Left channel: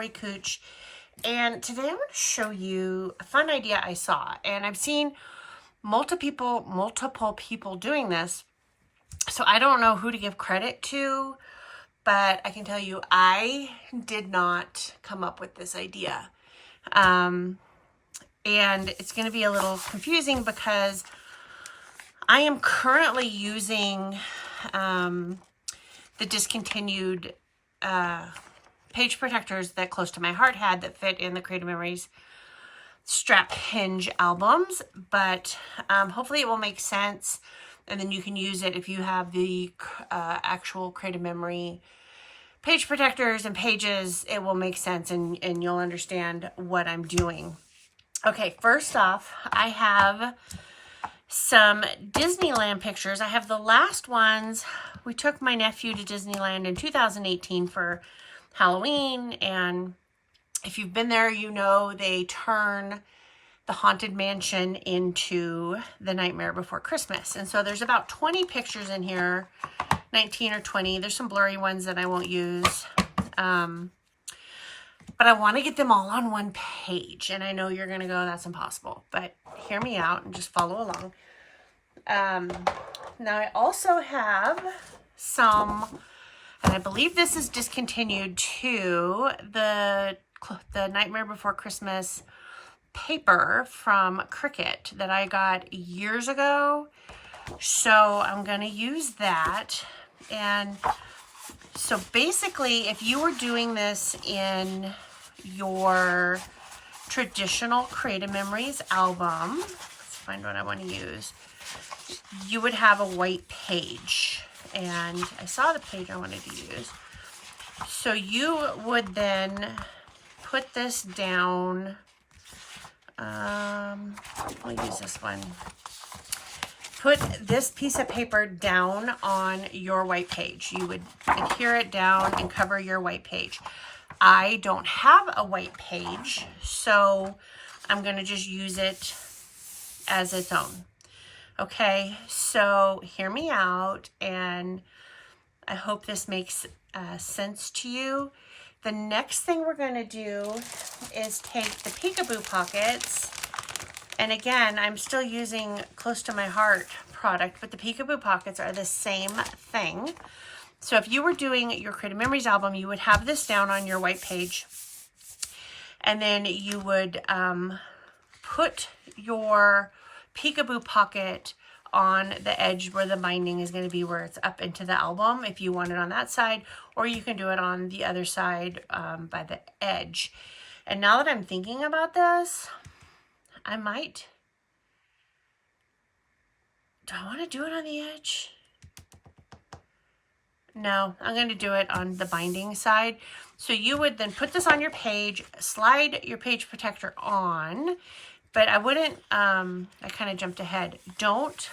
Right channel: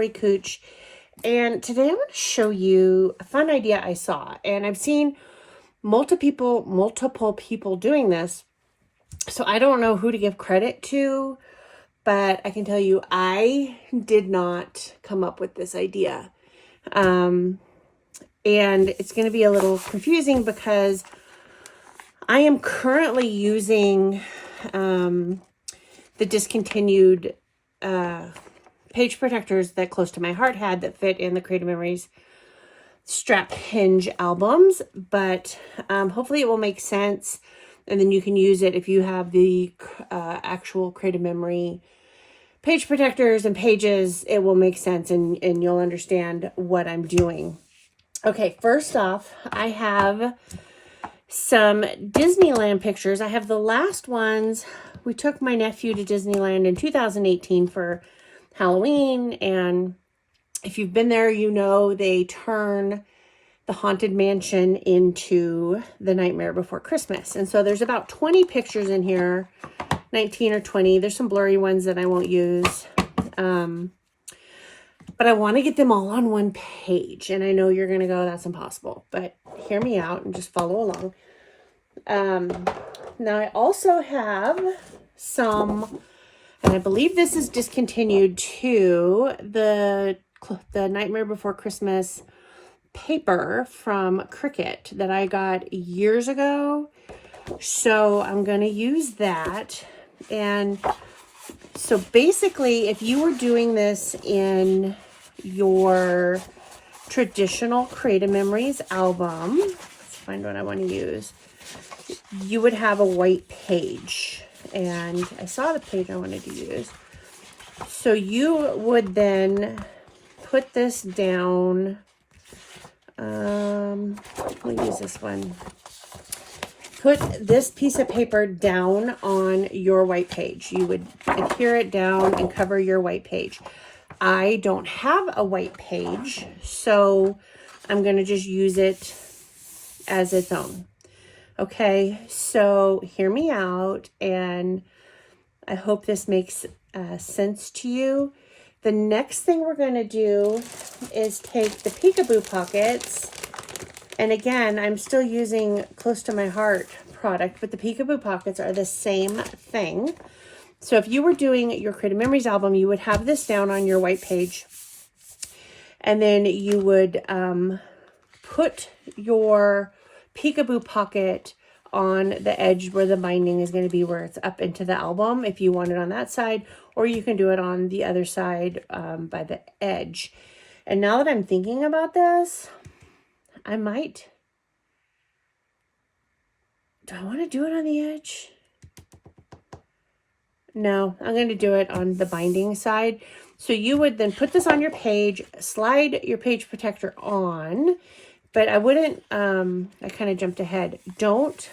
Lori Cooch, and today I'm going to show you a fun idea I saw, and I've seen multiple people doing this, so I don't know who to give credit to, but I can tell you I did not come up with this idea. And it's going to be a little confusing because I am currently using the discontinued page protectors that Close to My Heart had that fit in the Creative Memories strap hinge albums, but hopefully it will make sense, and then you can use it if you have the actual Creative Memory page protectors and pages. It will make sense, and you'll understand what I'm doing. Okay, first off, I have some Disneyland pictures. I have the last ones. We took my nephew to Disneyland in 2018 for Halloween, and if you've been there, you know they turn the Haunted Mansion into the Nightmare Before Christmas. And so there's about 20 pictures in here, 19 or 20. There's some blurry ones that I won't use. But I want to get them all on one page. And I know you're going to go, that's impossible. But hear me out and just follow along. Now I also have some, and I believe this is discontinued too, the Nightmare Before Christmas paper from Cricut that I got years ago. So I'm going to use that. And so basically, if you were doing this in your traditional Creative Memories album, let's find what I want to use, you would have a white page. And I saw the page I wanted to use. So you would then put this down. We'll use this one. Put this piece of paper down on your white page. You would adhere it down and cover your white page. I don't have a white page, so I'm going to just use it as its own. Okay, so hear me out, and I hope this makes sense to you. The next thing we're going to do is take the peekaboo pockets, and again, I'm still using Close to My Heart product, but the peekaboo pockets are the same thing. So if you were doing your Creative Memories album, you would have this down on your white page, and then you would put your peekaboo pocket on the edge where the binding is going to be, where it's up into the album if you want it on that side, or you can do it on the other side by the edge. And now that I'm thinking about this, I might, do I want to do it on the edge? No, I'm going to do it on the binding side. So you would then put this on your page, slide your page protector on, but I wouldn't, I kind of jumped ahead. Don't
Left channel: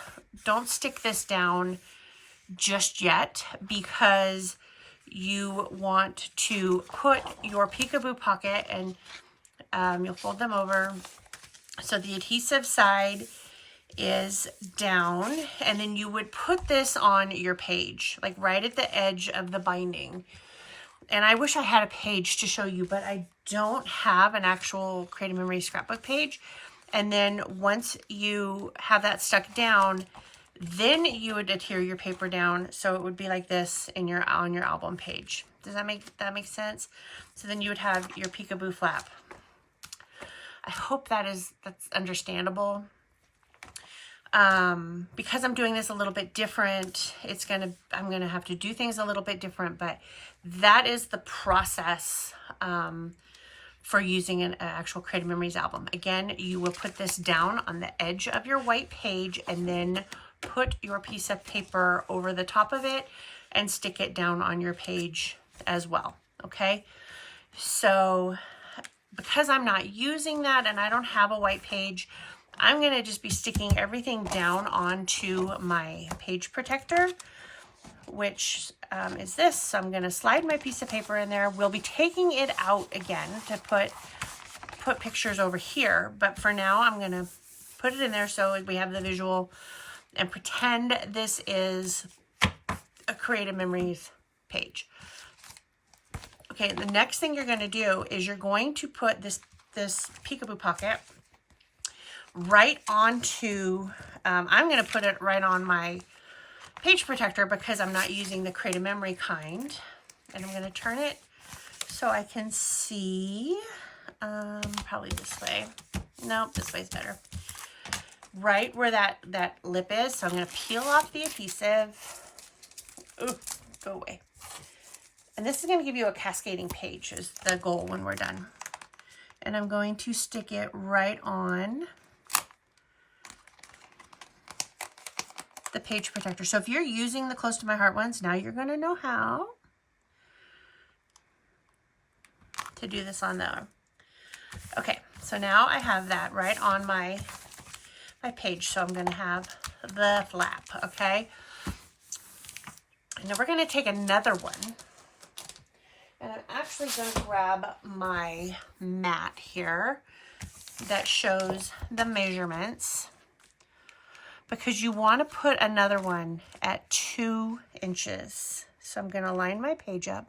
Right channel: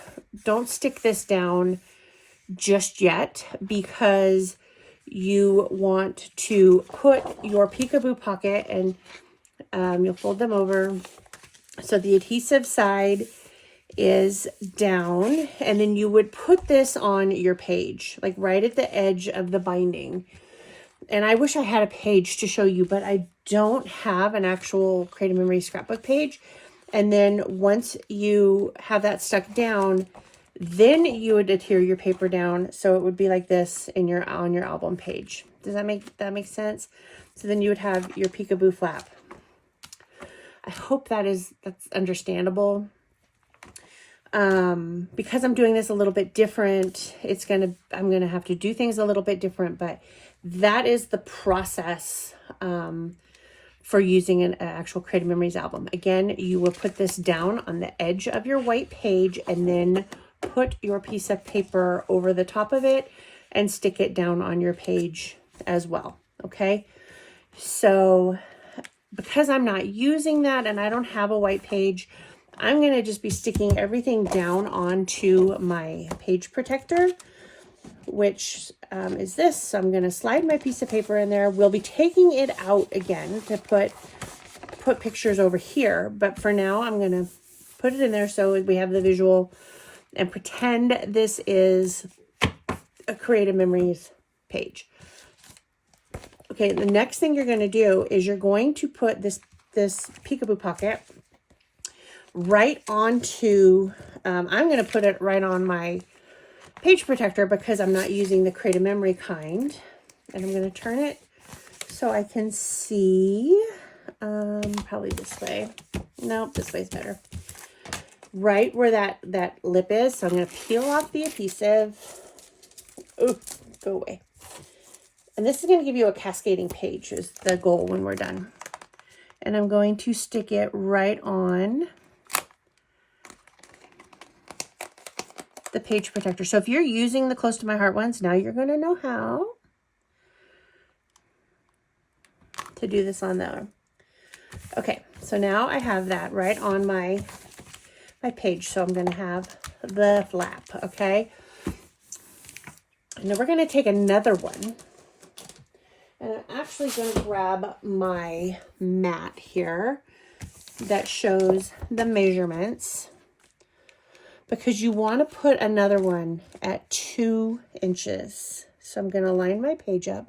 stick this down just yet, because you want to put your peekaboo pocket, and you'll fold them over so the adhesive side is down, and then you would put this on your page, like right at the edge of the binding. And I wish I had a page to show you, but I don't have an actual Creative Memories scrapbook page. And then once you have that stuck down, then you would adhere your paper down, so it would be like this in on your album page. Does that make sense? So then you would have your peekaboo flap. I hope that's understandable. Because I'm doing this a little bit different, I'm gonna have to do things a little bit different, but that is the process for using an actual Creative Memories album. Again, you will put this down on the edge of your white page, and then put your piece of paper over the top of it and stick it down on your page as well. Okay, so because I'm not using that and I don't have a white page, I'm going to just be sticking everything down onto my page protector, which is this. So I'm going to slide my piece of paper in there. We'll be taking it out again to put pictures over here, but for now I'm going to put it in there so we have the visual, and pretend this is a Creative Memories page. Okay, the next thing you're going to do is you're going to put this peekaboo pocket right onto, I'm going to put it right on my page protector because I'm not using the Create a Memory kind. And I'm going to turn it so I can see, probably this way. Nope, this way's better. Right where that lip is. So I'm going to peel off the adhesive. Ooh, go away. And this is going to give you a cascading page is the goal when we're done. And I'm going to stick it right on the page protector. So if you're using the Close to My Heart ones, now you're going to know how to do this on there. Okay, so now I have that right on my page. So I'm going to have the flap, okay? And then we're going to take another one. And I'm actually going to grab my mat here that shows the measurements, because you want to put another one at 2 inches. So I'm going to line my page up.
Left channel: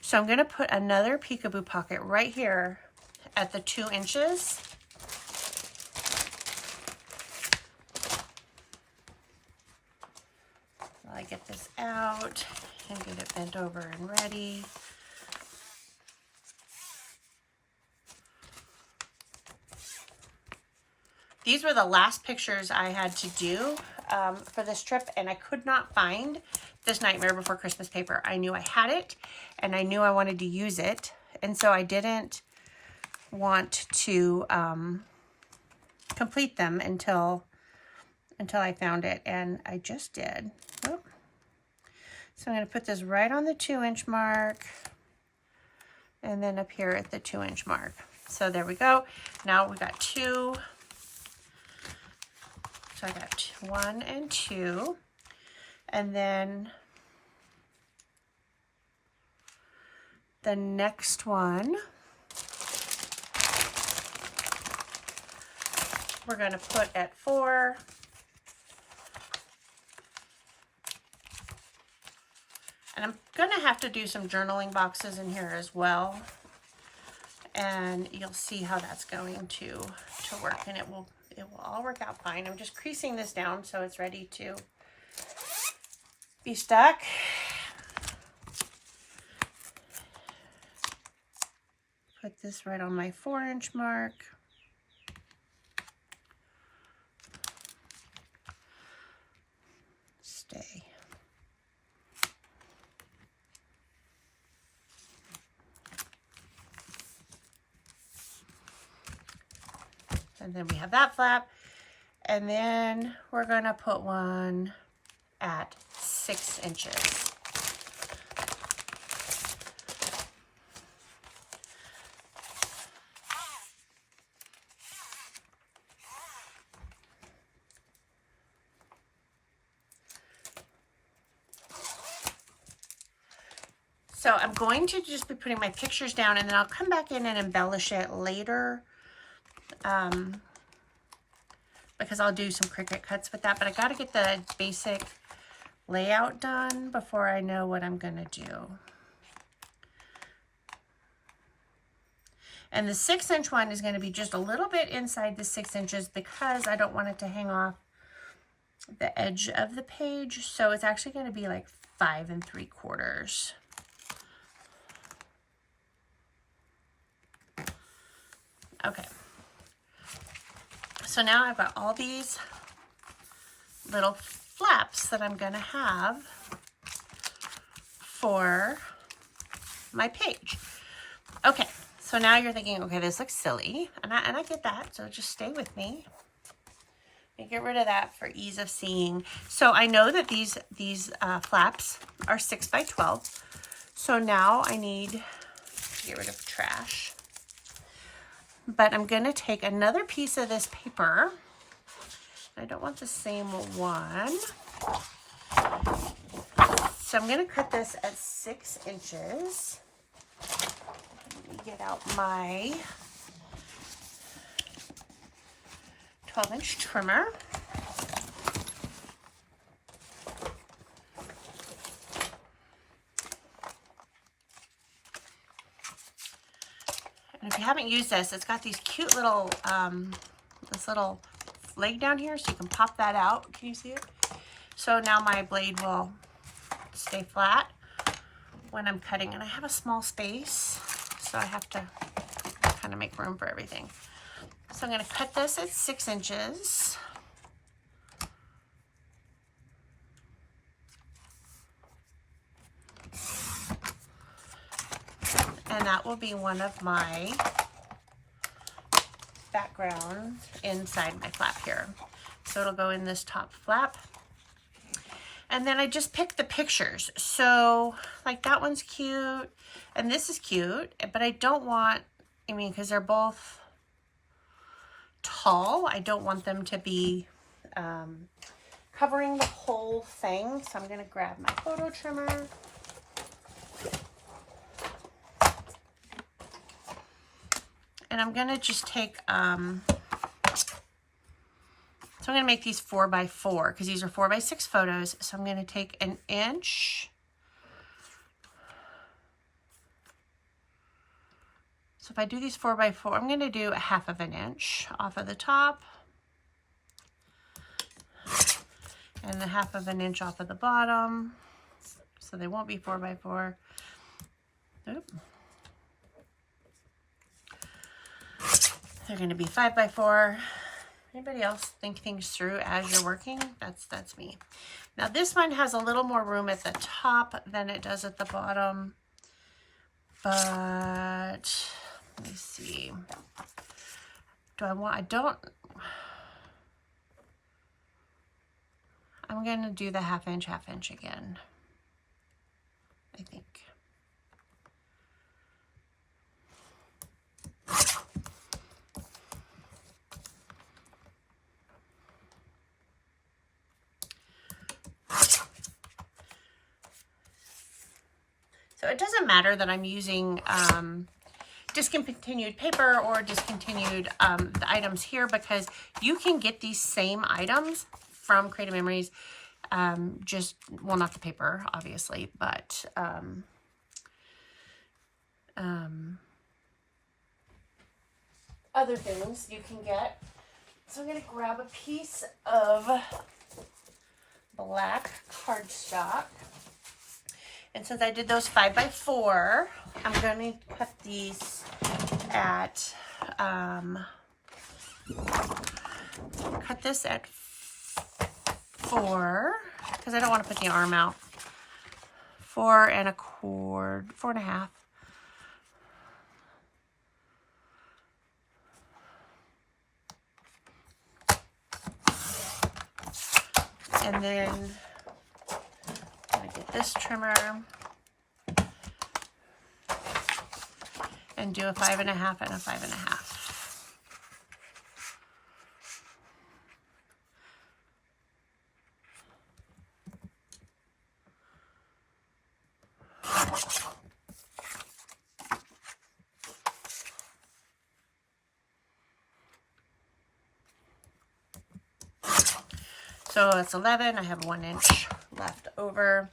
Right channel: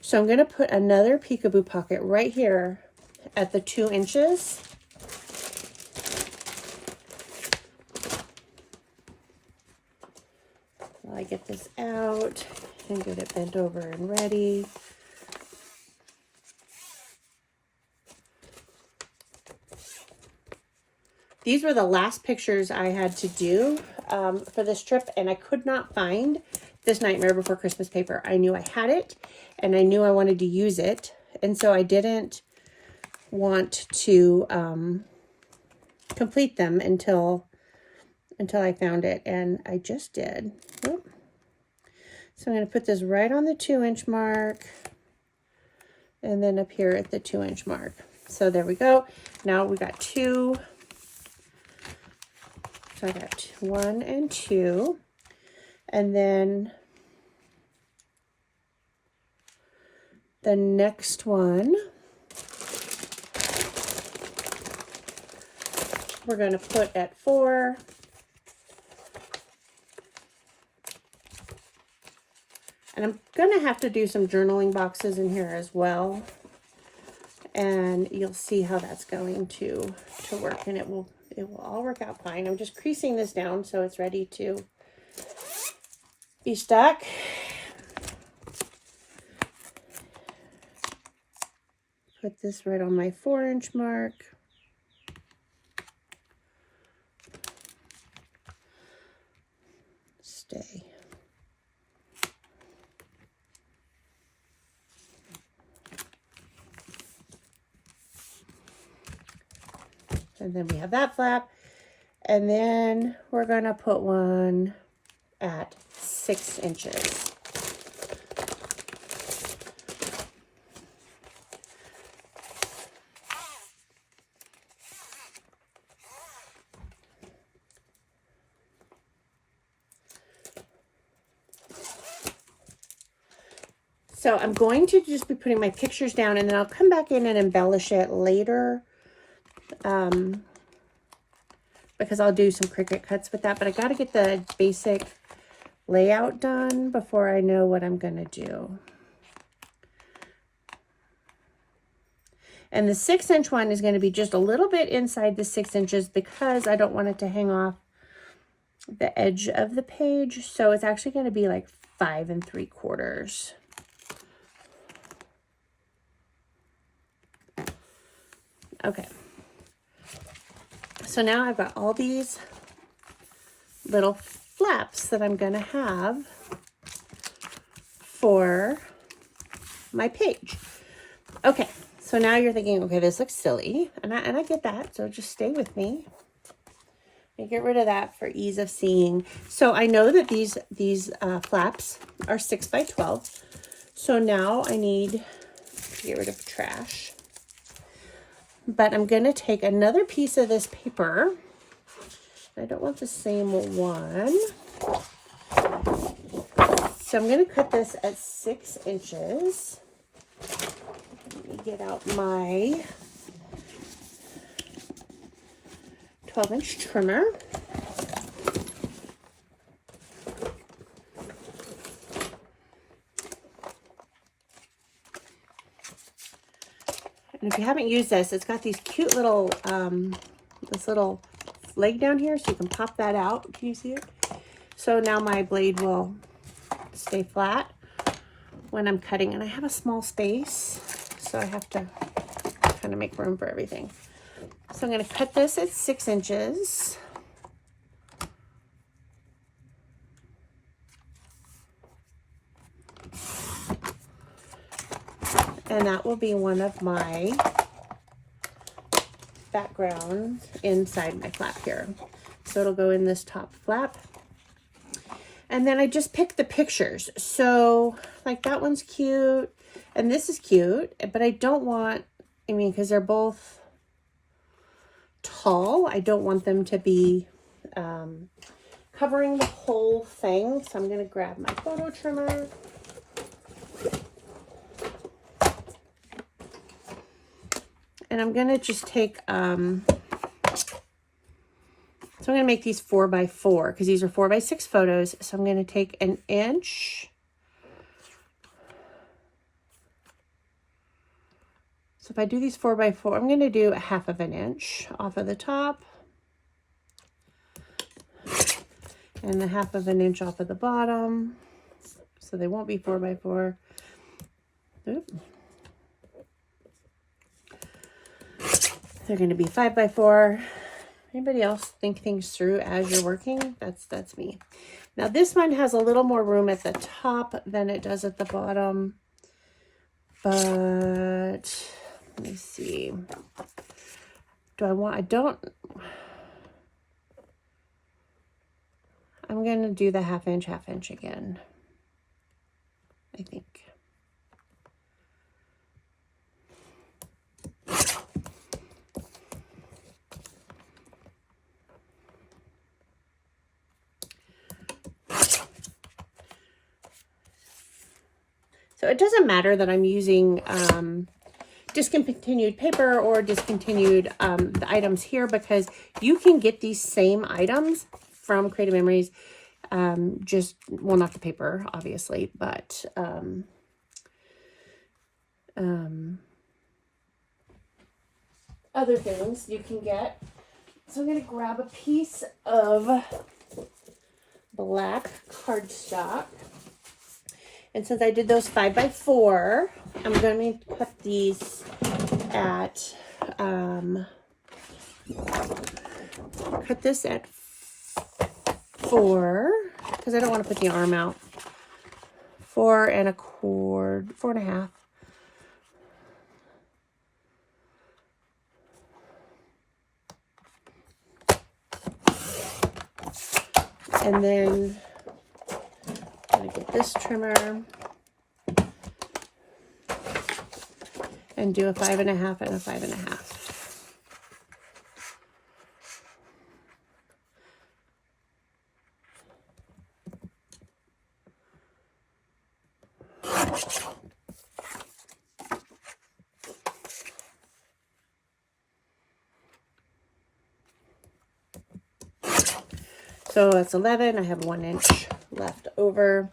So I'm going to put another peekaboo pocket right here at the 2 inches. While I get this out and get it bent over and ready. These were the last pictures I had to do for this trip, and I could not find this Nightmare Before Christmas paper. I knew I had it, and I knew I wanted to use it, and so I didn't want to complete them until I found it, and I just did. Oop. So I'm going to put this right on the 2-inch mark, and then up here at the 2-inch mark. So there we go. Now we got 2. So I got 1 and 2, and then the next one we're going to put at 4. And I'm going to have to do some journaling boxes in here as well. And you'll see how that's going to work, and it will all work out fine. I'm just creasing this down so it's ready to be stuck. Put this right on my 4-inch mark. Stay. And then we have that flap. And then we're going to put one at 6 inches. So I'm going to just be putting my pictures down, and then I'll come back in and embellish it later. Because I'll do some Cricut cuts with that, but I got to get the basic layout done before I know what I'm going to do. And the 6-inch one is going to be just a little bit inside the 6 inches because I don't want it to hang off the edge of the page. So it's actually going to be like 5 3/4. Okay. So now I've got all these little flaps that I'm going to have for my page. Okay, so now you're thinking, okay, this looks silly, and I get that, so just stay with me. And get rid of that for ease of seeing. So I know that these flaps are 6 by 12. So now I need to get rid of trash. But I'm going to take another piece of this paper. I don't want the same one. So I'm going to cut this at 6 inches. Let me get out my 12-inch trimmer. And if you haven't used this, it's got these cute little, this little leg down here, so you can pop that out. Can you see it? So now my blade will stay flat when I'm cutting, and I have a small space, so I have to kind of make room for everything. So I'm going to cut this at 6 inches. And that will be one of my backgrounds inside my flap here. So it'll go in this top flap. And then I just picked the pictures. So like that one's cute and this is cute, but I don't want, I mean, because they're both tall, I don't want them to be covering the whole thing. So I'm going to grab my photo trimmer. And I'm going to just take, so I'm going to make these 4x4 because these are 4x6 photos. So I'm going to take 1 inch. So if I do these 4x4, I'm going to do 1/2 inch off of the top. And 1/2 inch off of the bottom. So they won't be 4x4. Oop. They're going to be 5x4. Anybody else think things through as you're working? That's me. Now this one has a little more room at the top than it does at the bottom. But let me see. I'm going to do the 1/2 inch again, I think. So it doesn't matter that I'm using discontinued paper or discontinued the items here, because you can get these same items from Creative Memories. Just, well, not the paper, obviously, but other things you can get. So I'm going to grab a piece of black cardstock. And since I did those 5x4, I'm going to cut these at, cut this at 4, because I don't want to put the arm out. 4 1/4, 4 1/2. And then I'm going to get this trimmer and do a 5 1/2 and a 5 1/2. So that's 11. I have 1 inch left over.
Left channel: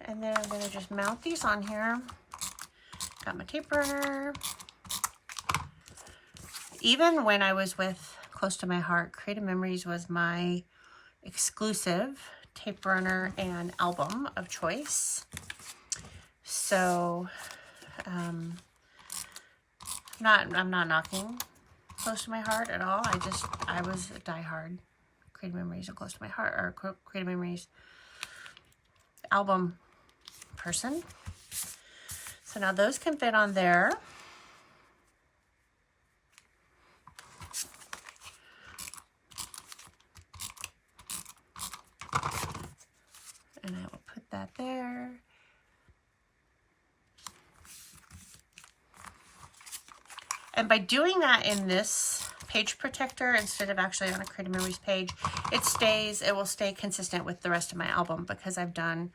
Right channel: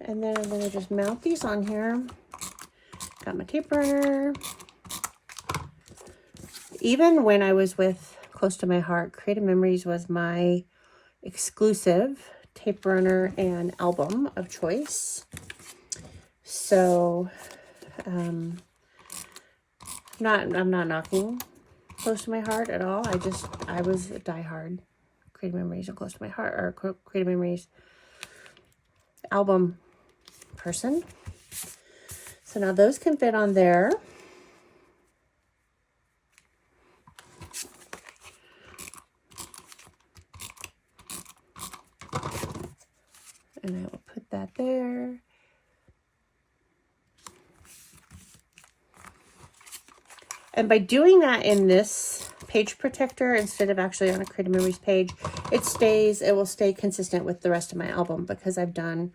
And then I'm going to just mount these on here. Got my tape runner. Even when I was with Close to My Heart, Creative Memories was my exclusive tape runner and album of choice. So I'm not knocking Close to My Heart at all. I was a diehard Creative Memories and Close to My Heart, or Creative Memories album person. So now those can fit on there. And I will put that there. And by doing that in this page protector instead of actually on a Creative Memories page, it will stay consistent with the rest of my album, because I've done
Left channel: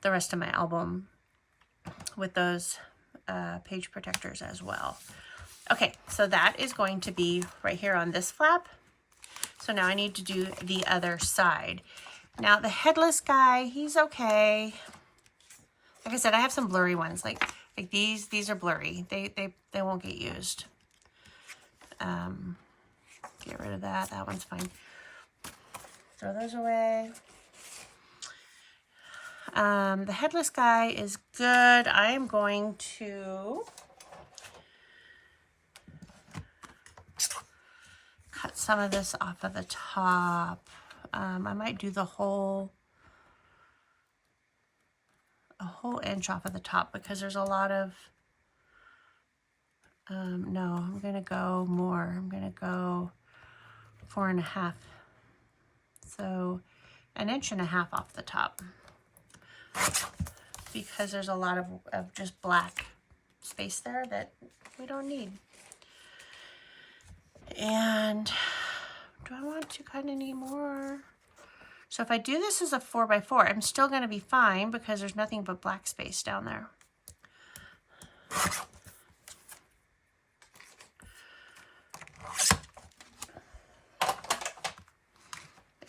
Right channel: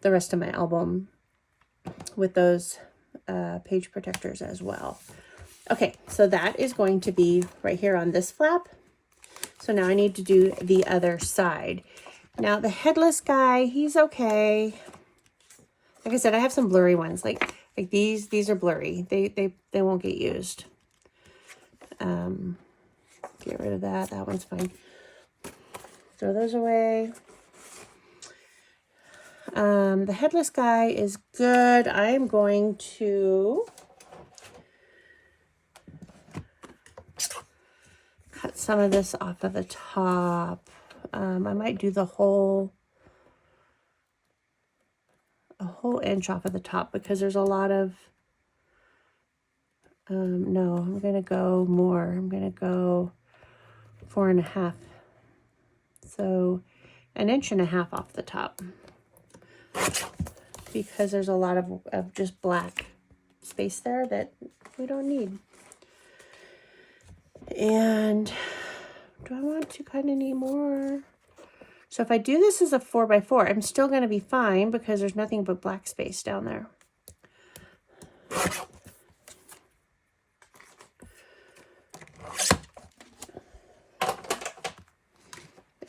the rest of my album with those page protectors as well. Okay, so that is going to be right here on this flap. So now I need to do the other side. Now the headless guy, he's okay. Like I said, I have some blurry ones. Like Like these are blurry. They won't get used. Get rid of that. That one's fine. Throw those away. The headless guy is good. I'm going to cut some of this off of the top. I might do a whole inch off of the top because there's a lot of, no, I'm going to go more. I'm going to go 4.5. So 1.5 inches off the top because there's a lot of just black space there that we don't need. And do I want to cut any more? So if I do this as a 4x4, I'm still going to be fine because there's nothing but black space down there.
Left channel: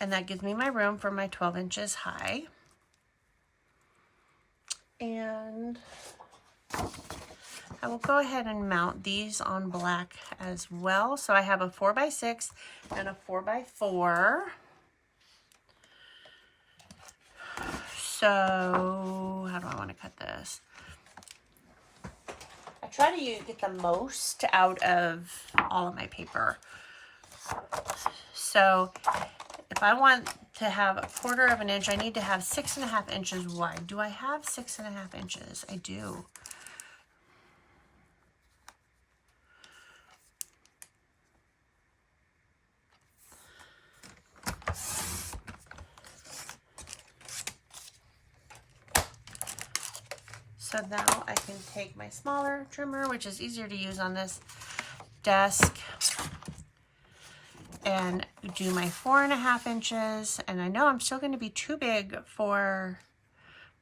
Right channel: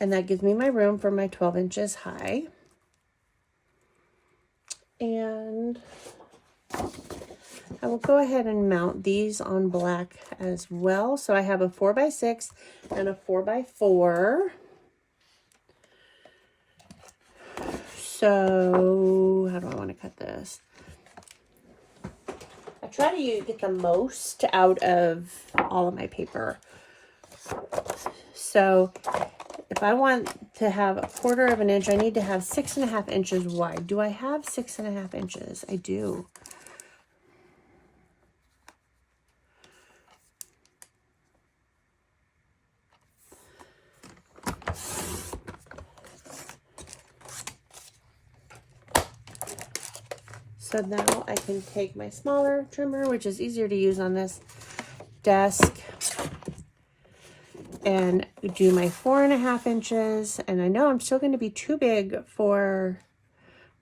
And that gives me my room for my 12 inches high. And I will go ahead and mount these on black as well. So I have a 4x6 and a 4x4. So how do I want to cut this? I try to get the most out of all of my paper. So if I want to have 1/4 inch, I need to have 6.5 inches wide. Do I have 6.5 inches? I do. So now I can take my smaller trimmer, which is easier to use on this desk, and do my 4.5 inches. And I know I'm still going to be too big for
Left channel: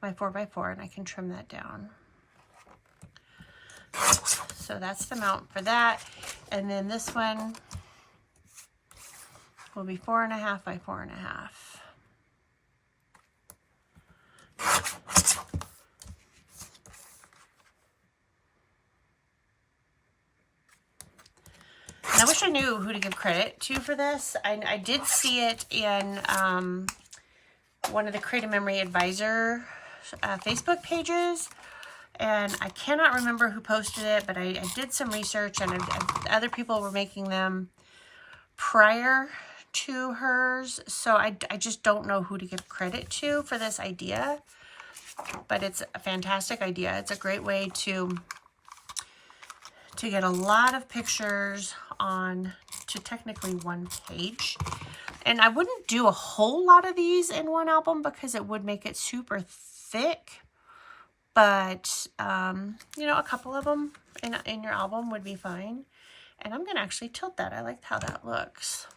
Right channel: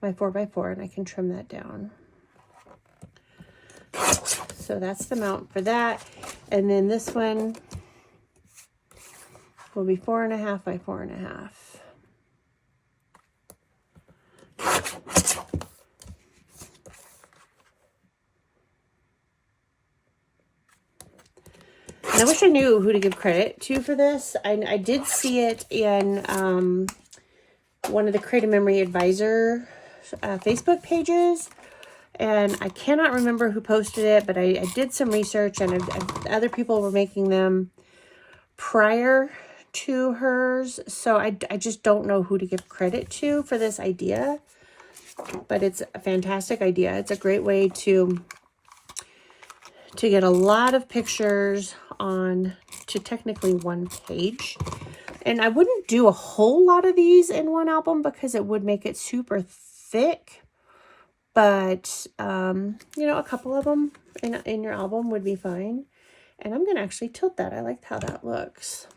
my 4x4, and I can trim that down. So that's the mount for that. And then this one will be 4.5 by 4.5. And I wish I knew who to give credit to for this. I did see it in one of the Creative Memory Advisor Facebook pages, and I cannot remember who posted it, but I did some research, and other people were making them prior to hers, so I just don't know who to give credit to for this idea, but it's a fantastic idea. It's a great way to get a lot of pictures on to technically one page. And I wouldn't do a whole lot of these in one album because it would make it super thick, but you know, a couple of them in your album would be fine. And I'm gonna actually tilt that. I liked how that looks.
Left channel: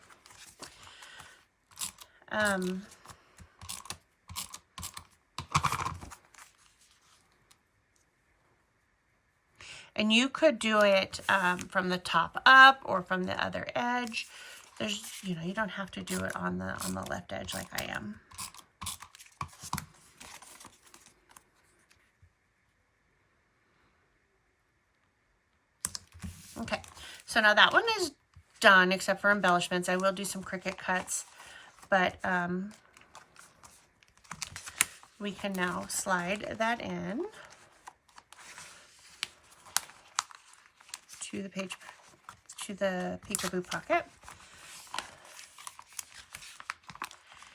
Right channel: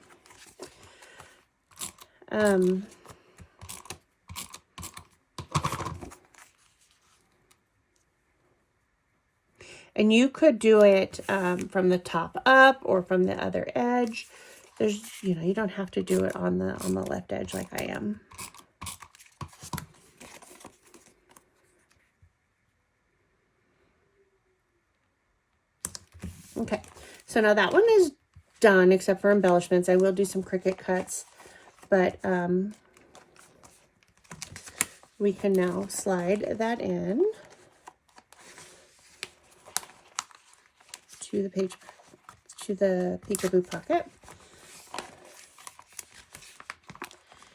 And you could do it from the top up or from the other edge. There's, you know, you don't have to do it on the left edge like I am. Okay, so now that one is done except for embellishments. I will do some Cricut cuts, but we can now slide that in to the page, to the peekaboo pocket.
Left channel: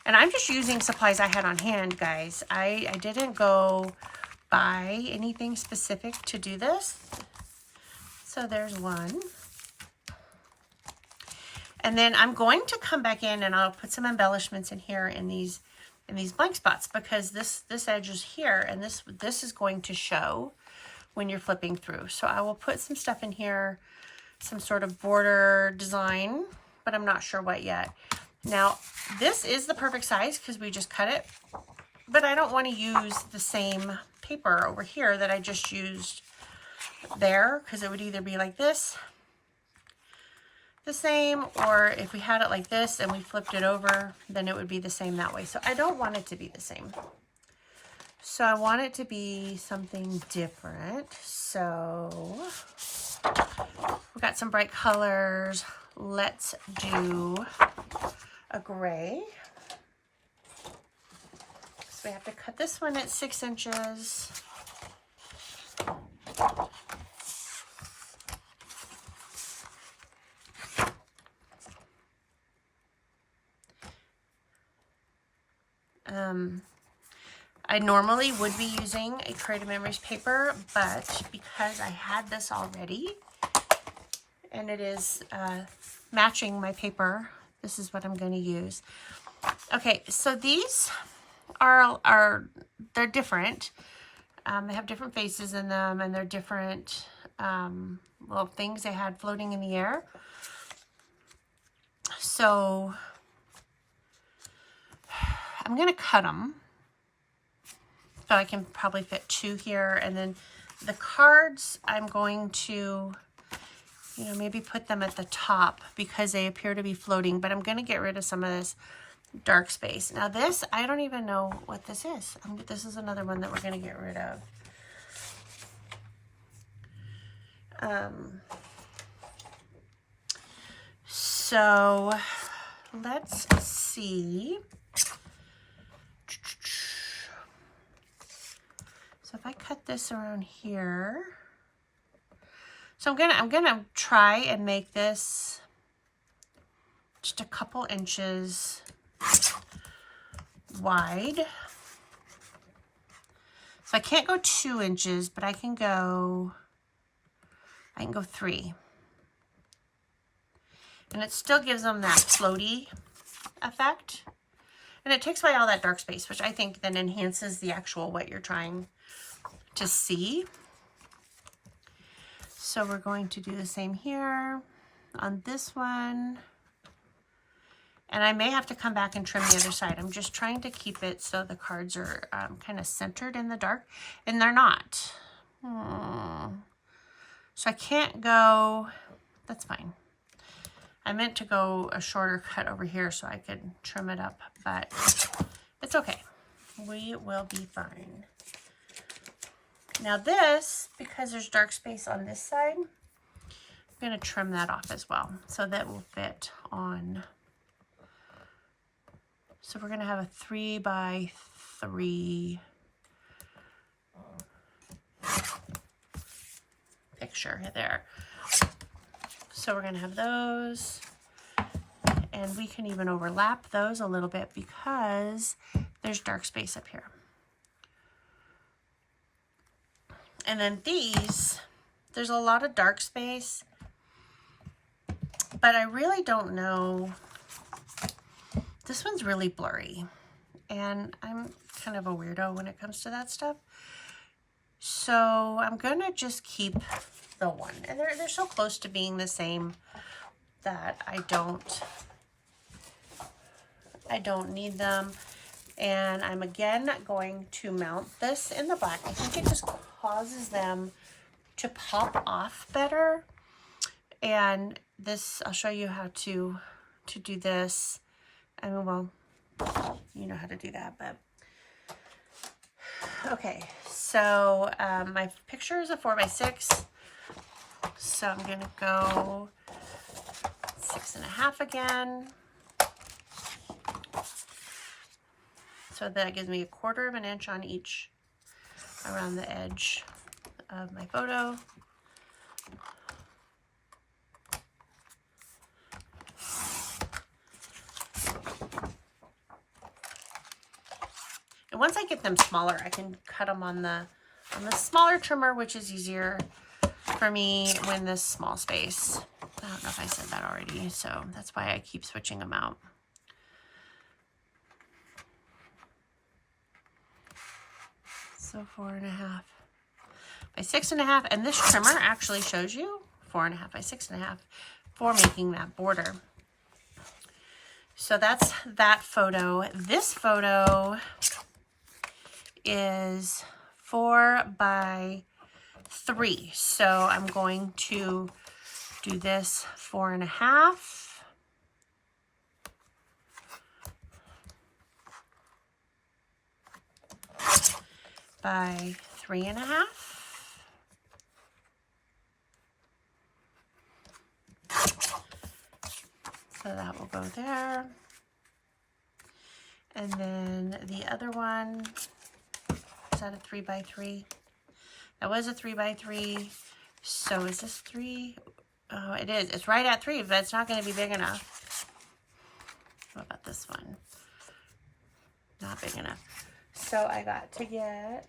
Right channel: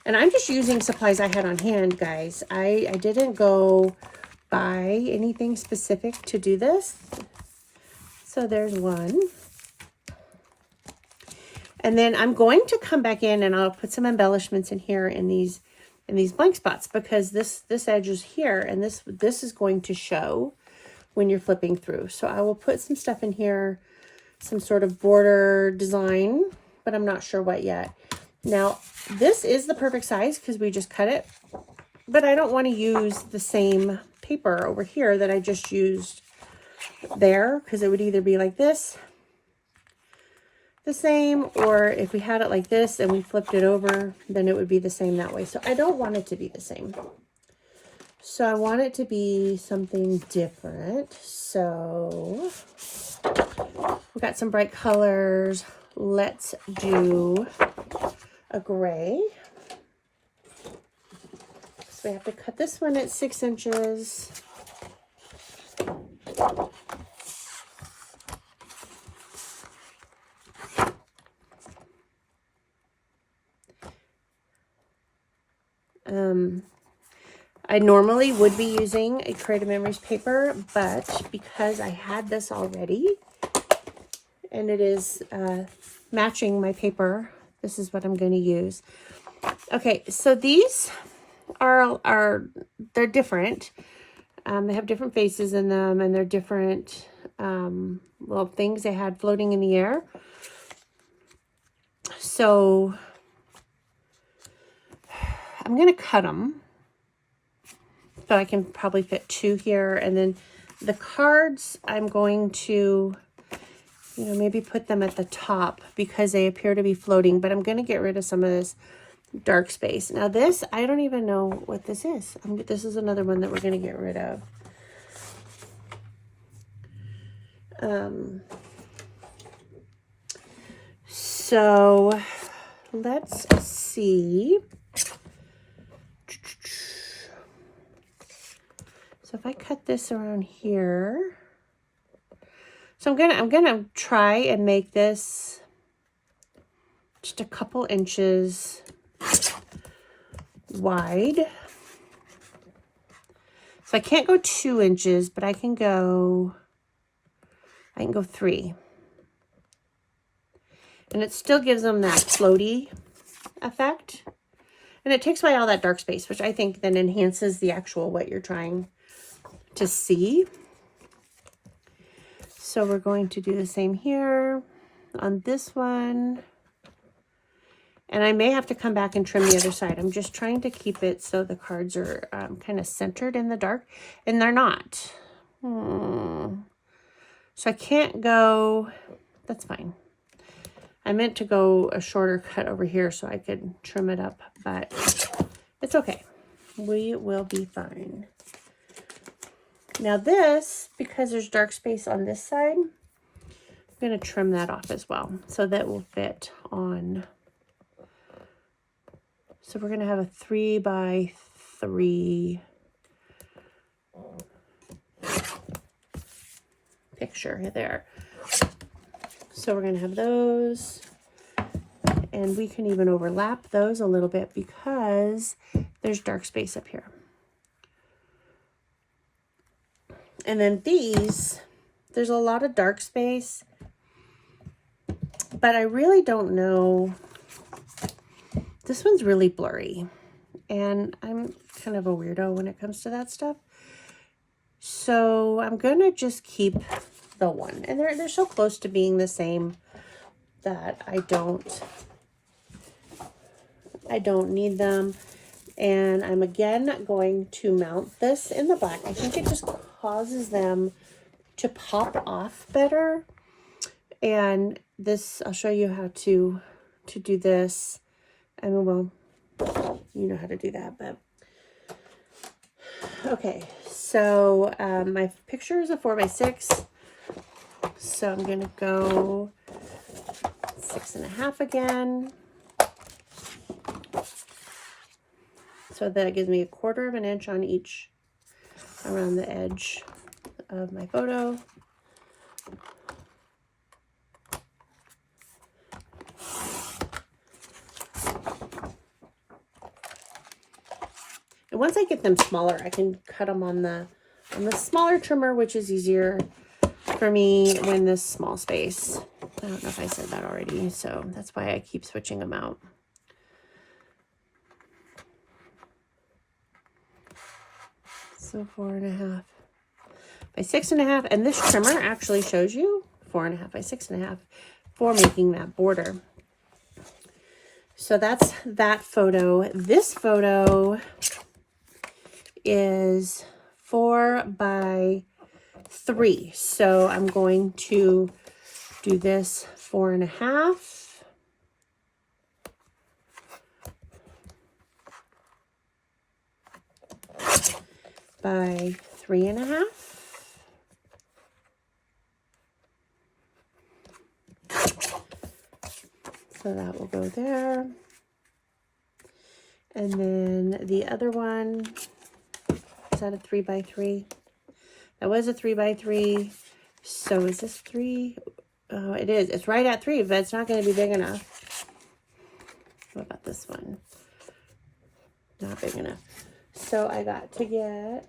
And I'm just using supplies I had on hand, guys. I didn't go buy anything specific to do this. So there's one. And then I'm going to come back in and I'll put some embellishments in here in these blank spots, because this edge is here, and this is going to show when you're flipping through. So I will put some stuff in here, some sort of border design, but I'm not sure what yet. Now, this is the perfect size because we just cut it, but I don't want to use the same paper over here that I just used there, because it would either be like this, the same, or if we had it like this and we flipped it over, then it would be the same that way. So I don't want it to be the same. So I want it to be something different. So we've got some bright colors. Let's do a gray. So we have to cut this one at 6 inches. I normally would be using a Creative Memories paper, but because I had this already and it is matching my paper, this is what I'm going to use. Okay, so these they're different. They have different faces in them, and they're different little things they had floating in the air. So I'm going to cut them. So I can probably fit 2 here. And then the cards, I'm going to, you know, maybe put them at the top because they appear to be floating. But I'm going to get rid of some of this dark space. Now this, I don't even know what this is. This is another one that we're going to get rid of. So let's see. So if I cut this around here, so I'm gonna try and make this just a couple inches wide. So I can't go 2 inches, but I can go 3. And it still gives them that floaty effect. And it takes away all that dark space, which I think then enhances the actual what you're trying to see. So we're going to do the same here on this one. And I may have to come back and trim the other side. I'm just trying to keep it so the cards are kind of centered in the dark, and they're not. So I can't go, that's fine. I meant to go a shorter cut over here so I could trim it up, but it's okay. We will be fine. Now this, because there's dark space on this side, I'm going to trim that off as well. So that will fit on. So we're going to have a 3 by 3 picture there. So we're going to have those. And we can even overlap those a little bit because there's dark space up here. And then these, there's a lot of dark space, but I really don't know. This one's really blurry, and I'm kind of a weirdo when it comes to that stuff. So I'm going to just keep the one. And they're so close to being the same that I don't need them. And I'm again going to mount this in the black. I think it just causes them to pop off better. And this, I'll show you how to do this. I mean, well, you know how to do that, but okay. So my picture is a 4 by 6. So I'm gonna go 6.5 again. So that gives me 1/4 of an inch on each around the edge of my photo. And once I get them smaller, I can cut them on the smaller trimmer, which is easier for me when this small space. I don't know if I said that already, so that's why I keep switching them out. So 4.5 by 6.5, and this trimmer actually shows you 4.5 by 6.5 for making that border. So that's that photo. This photo is 4 by 3. So I'm going to do this 4.5. by 3.5. So that will go there. And then the other one, is that a 3 by 3? That was a 3 by 3. So is this 3? Oh, it is. It's right at 3, but it's not going to be big enough. What about this one? Not big enough. So I got to get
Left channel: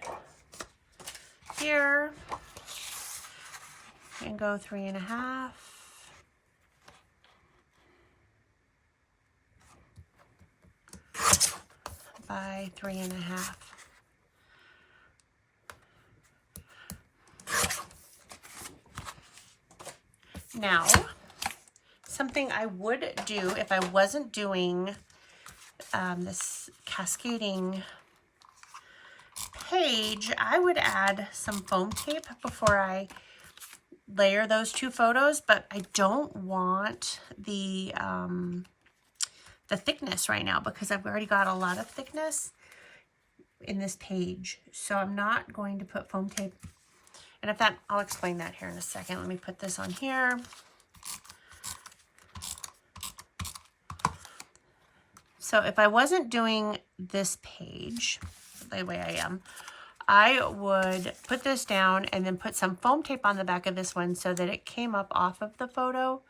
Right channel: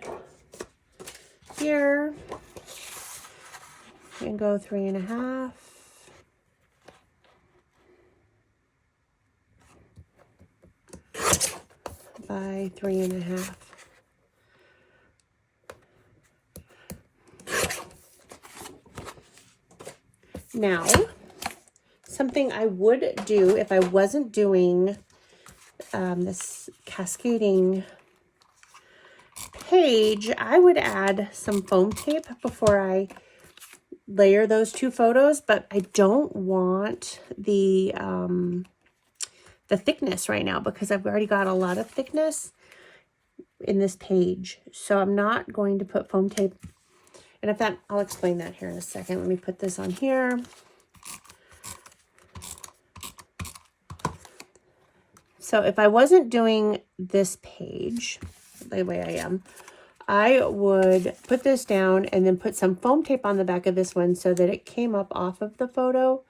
here and go 3.5. By 3.5. Now, something I would do if I wasn't doing this cascading page, I would add some foam tape before I layer those two photos, but I don't want the thickness right now because I've already got a lot of thickness in this page. So I'm not going to put foam tape. And if that, I'll explain that here in a second. Let me put this on here. So if I wasn't doing this page the way I am, I would put this down and then put some foam tape on the back of this one so that it came up off of the photo.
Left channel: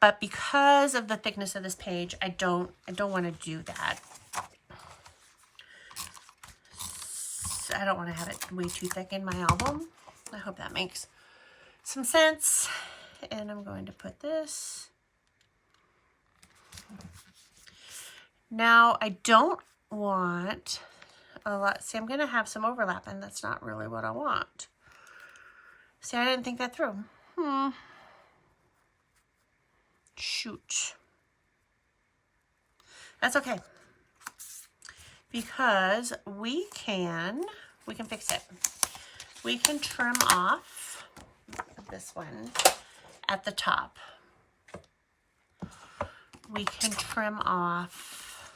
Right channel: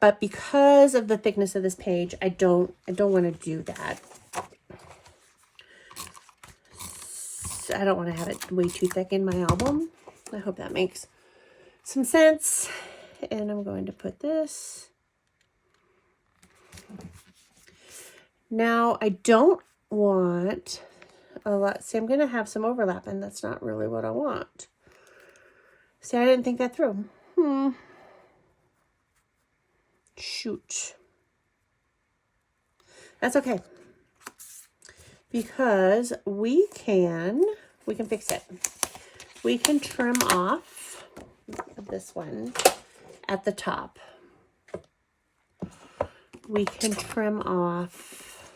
But because of the thickness of this page, I don't want to do that. So I don't want to have it way too thick in my album. I hope that makes some sense. And I'm going to put this. Now I don't want a lot. See, I'm going to have some overlap, and that's not really what I want. See, I didn't think that through. Shoot. That's okay. Because we can fix it. We can trim off this one at the top. We can trim off.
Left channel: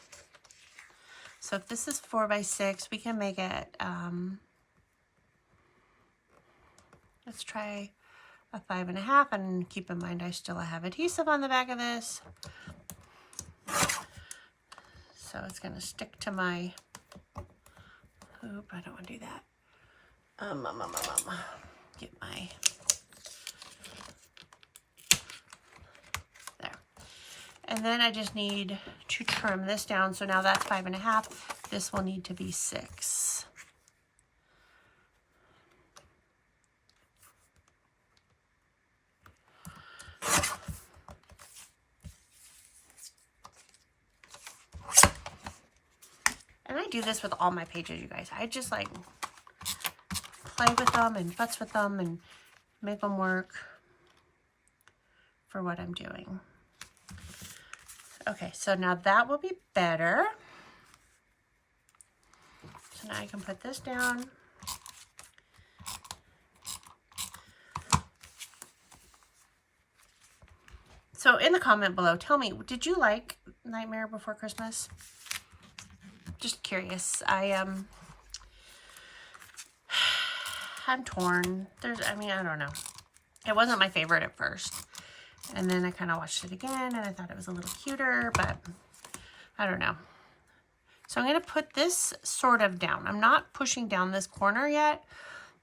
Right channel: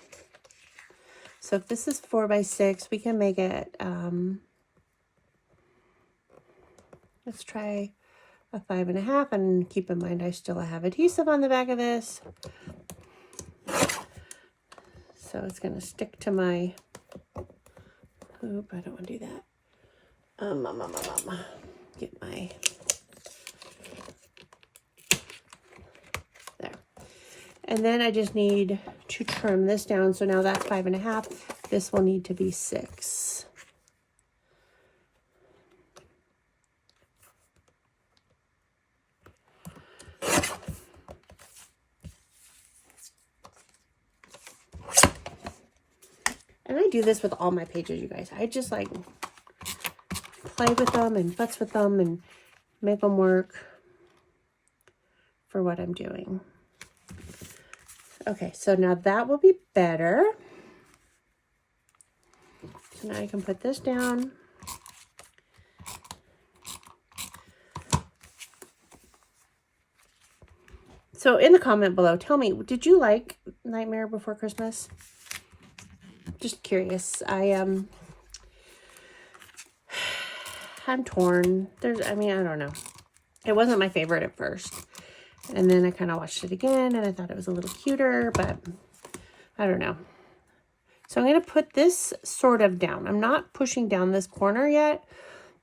So if this is 4 by 6, we can make it, let's try a 5.5, and keep in mind I still have adhesive on the back of this. So it's going to stick to my, oop, I don't want to do that. Get my, there. And then I just need to trim this down. So now that's 5.5. This will need to be 6. And I do this with all my pages, you guys. I just like play with them and futz with them and make them work for what I'm doing. Okay, so now that will be better. So now I can put this down. So in the comment below, tell me, did you like Nightmare Before Christmas? Just curious. I'm torn. I don't know. It wasn't my favorite at first. And then I kind of watched it again and I thought it was a little cuter, but I don't know. So I'm going to put this sort of down. I'm not pushing down this corner yet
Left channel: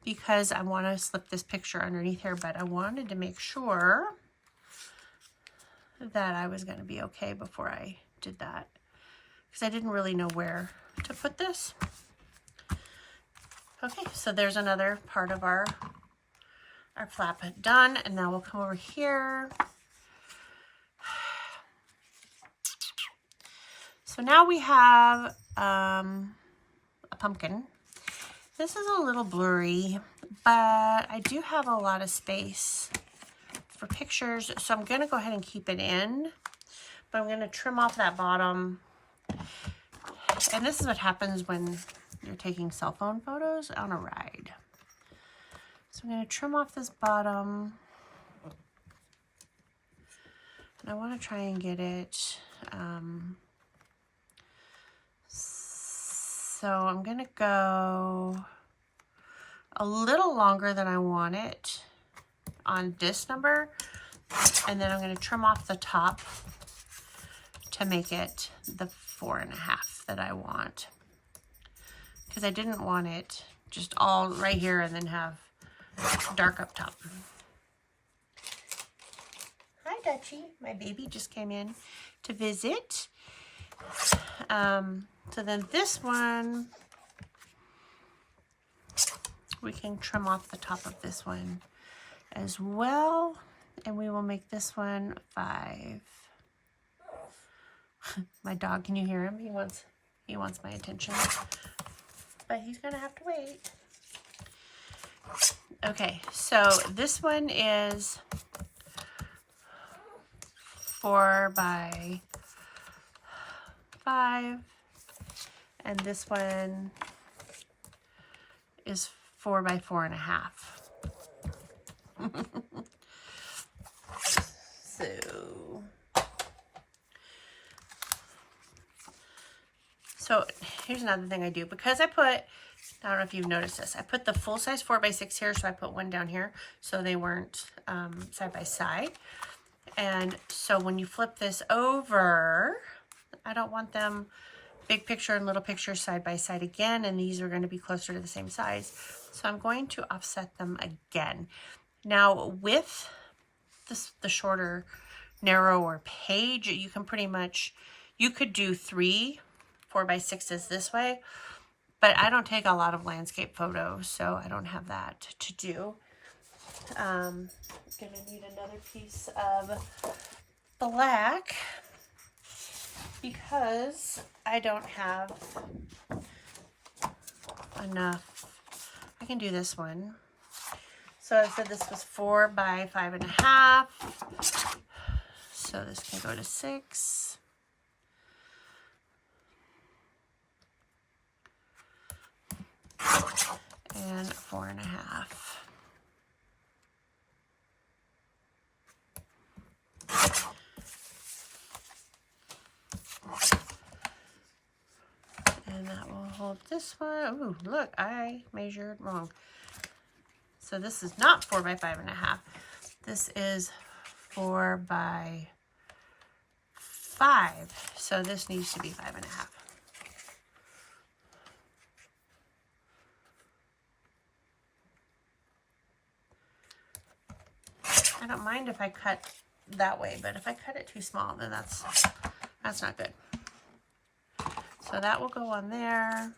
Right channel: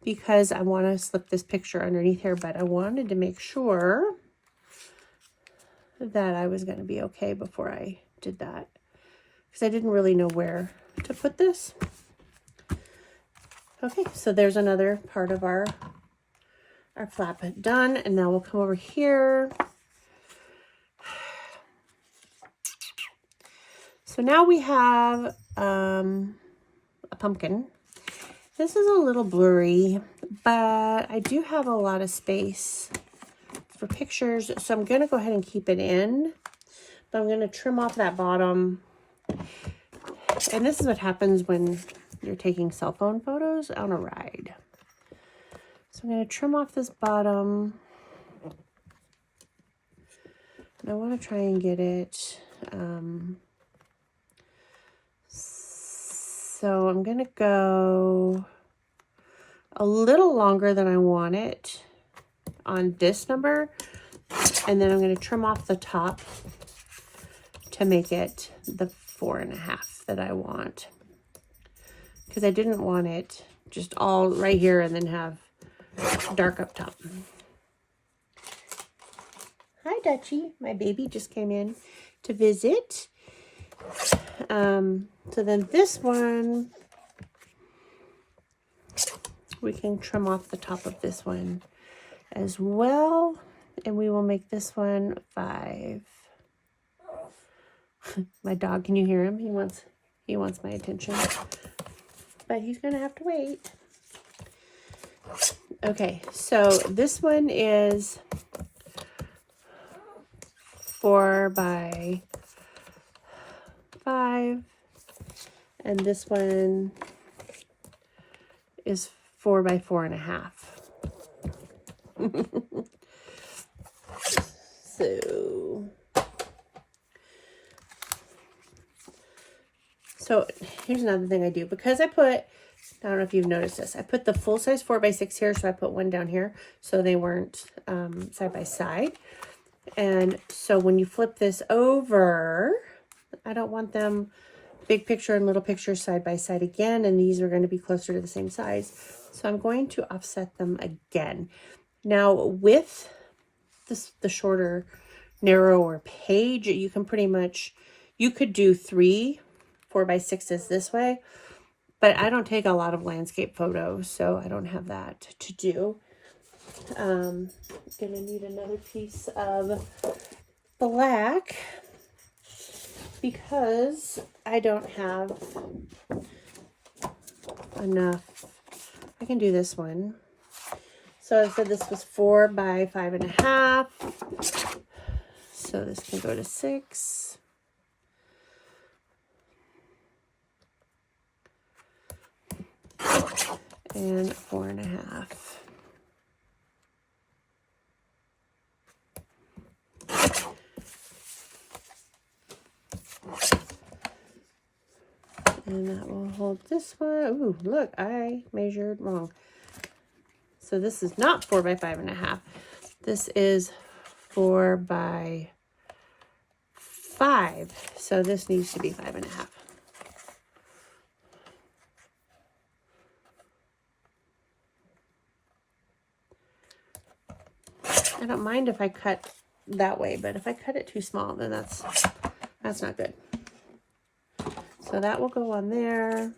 because I want to slip this picture underneath here, but I wanted to make sure that I was going to be okay before I did that because I didn't really know where to put this. Okay, so there's another part of our flap done, and now we'll come over here. So now we have a pumpkin. This is a little blurry, but I do have a lot of space for pictures, so I'm going to go ahead and keep it in, but I'm going to trim off that bottom. And this is what happens when you're taking cell phone photos on a ride. So I'm going to trim off this bottom. And I want to try and get it So I'm going to go a little longer than I want it on this number. And then I'm going to trim off the top to make it the 4.5 that I want. Because I didn't want it just all right here and then have dark up top. Hi, Dutchie. My baby just came in to visit. So then this one, we can trim off the top of this one as well. And we will make this one 5. My dog, can you hear him? He wants my attention. But he's gonna have to wait. Okay, so this one is 4 by 5, and this one is 4 by 4.5. So here's another thing I do, because I don't know if you've noticed this, I put the full size 4 by 6 here, so I put one down here so they weren't side by side. And so when you flip this over, I don't want them big picture and little picture side by side again, and these are going to be closer to the same size. So I'm going to offset them again. Now with the shorter, narrower page, you can pretty much, you could do 3 4 by 6s this way, but I don't take a lot of landscape photos, so I don't have that to do. I'm gonna need another piece of black because I don't have enough. I can do this one. So I said this was 4 by 5.5. So this can go to 6. And 4.5. And that will hold this one. Ooh, look, I measured wrong. So this is not 4 by 5.5. This is 4 by 5. So this needs to be 5.5. I don't mind if I cut that way, but if I cut it too small, then that's not good. So that will go on there.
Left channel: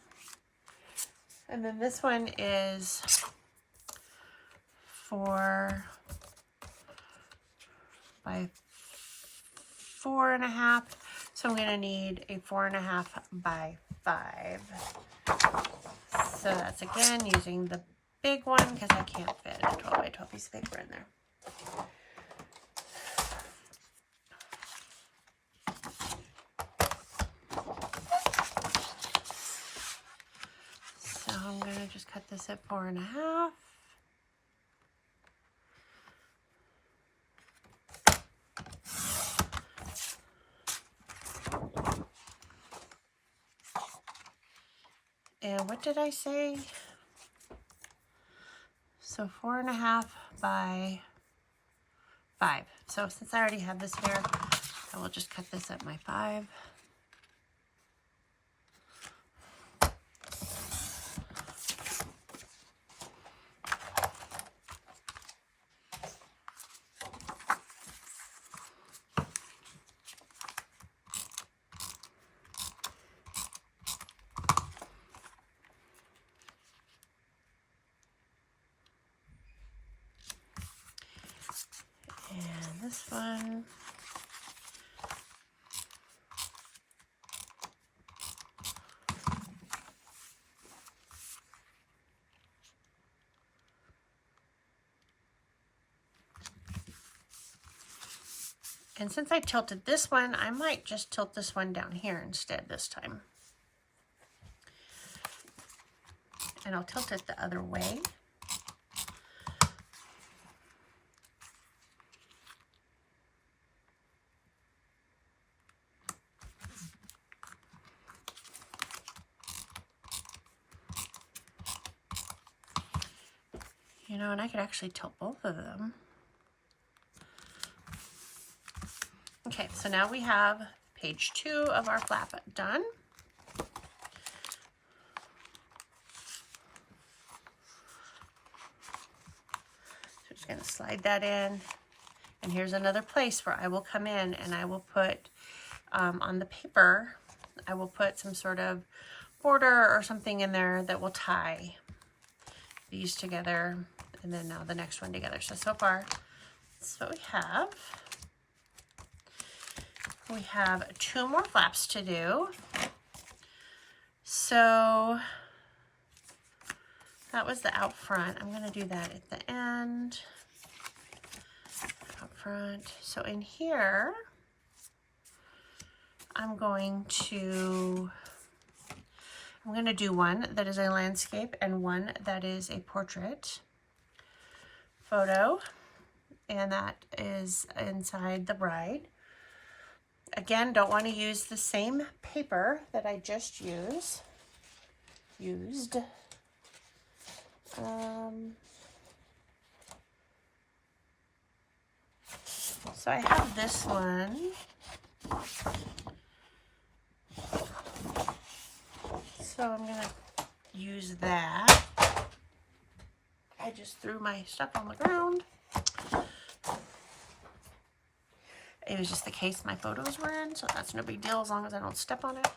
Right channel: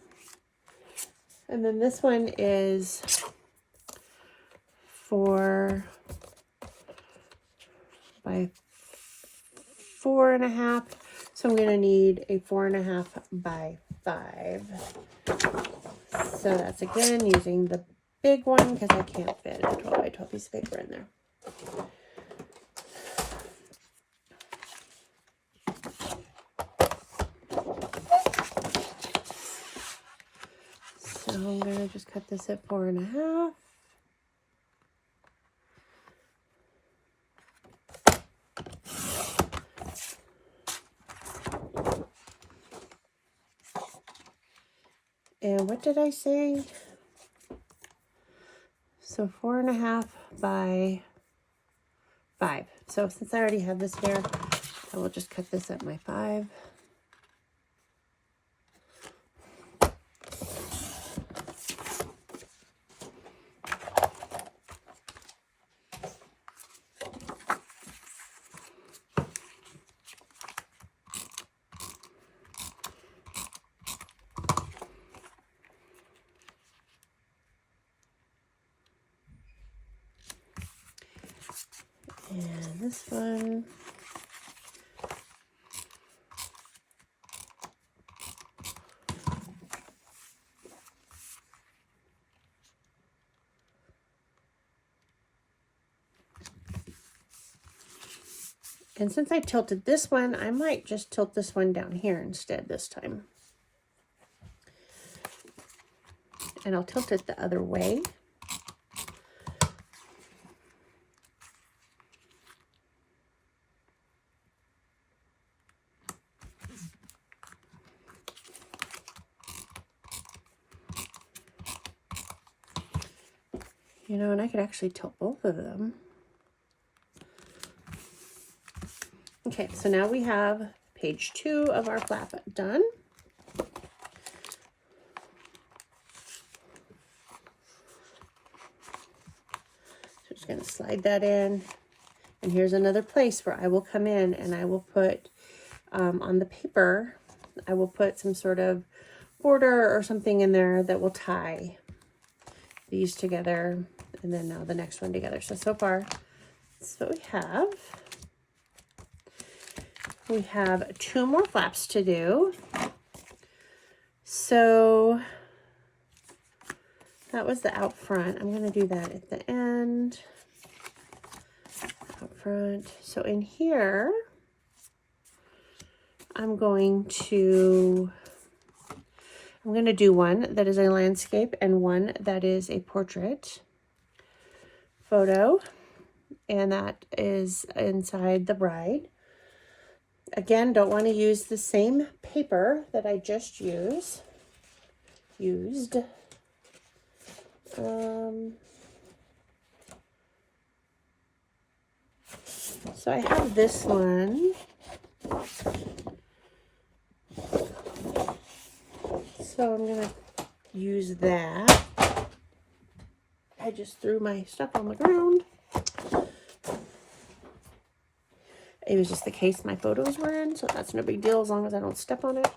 And then this one is 4 by 4.5. So I'm going to need a 4.5 by 5. So that's again using the big one because I can't fit a 12 by 12 piece of paper in there. So I'm going to just cut this at 4.5. And what did I say? So 4.5 by 5. So since I already have this here, I will just cut this at my 5. And this one. And since I tilted this one, I might just tilt this one down here instead this time. And I'll tilt it the other way. You know, and I could actually tilt both of them. Okay, so now we have page 2 of our flap done. So just going to slide that in. And here's another place where I will come in and I will put on the paper, I will put some sort of border or something in there that will tie these together, and then now the next one together. So far, that's what we have. We have 2 more flaps to do. So that was the out front. I'm going to do that at the end. Out front. So in here, I'm going to do one that is a landscape and one that is a portrait photo. And that is inside the bride. Again, don't want to use the same paper that I just used. So I have this one. So I'm going to use that. I just threw my stuff on the ground. It was just the case my photos were in, so that's no big deal as long as I don't step on it.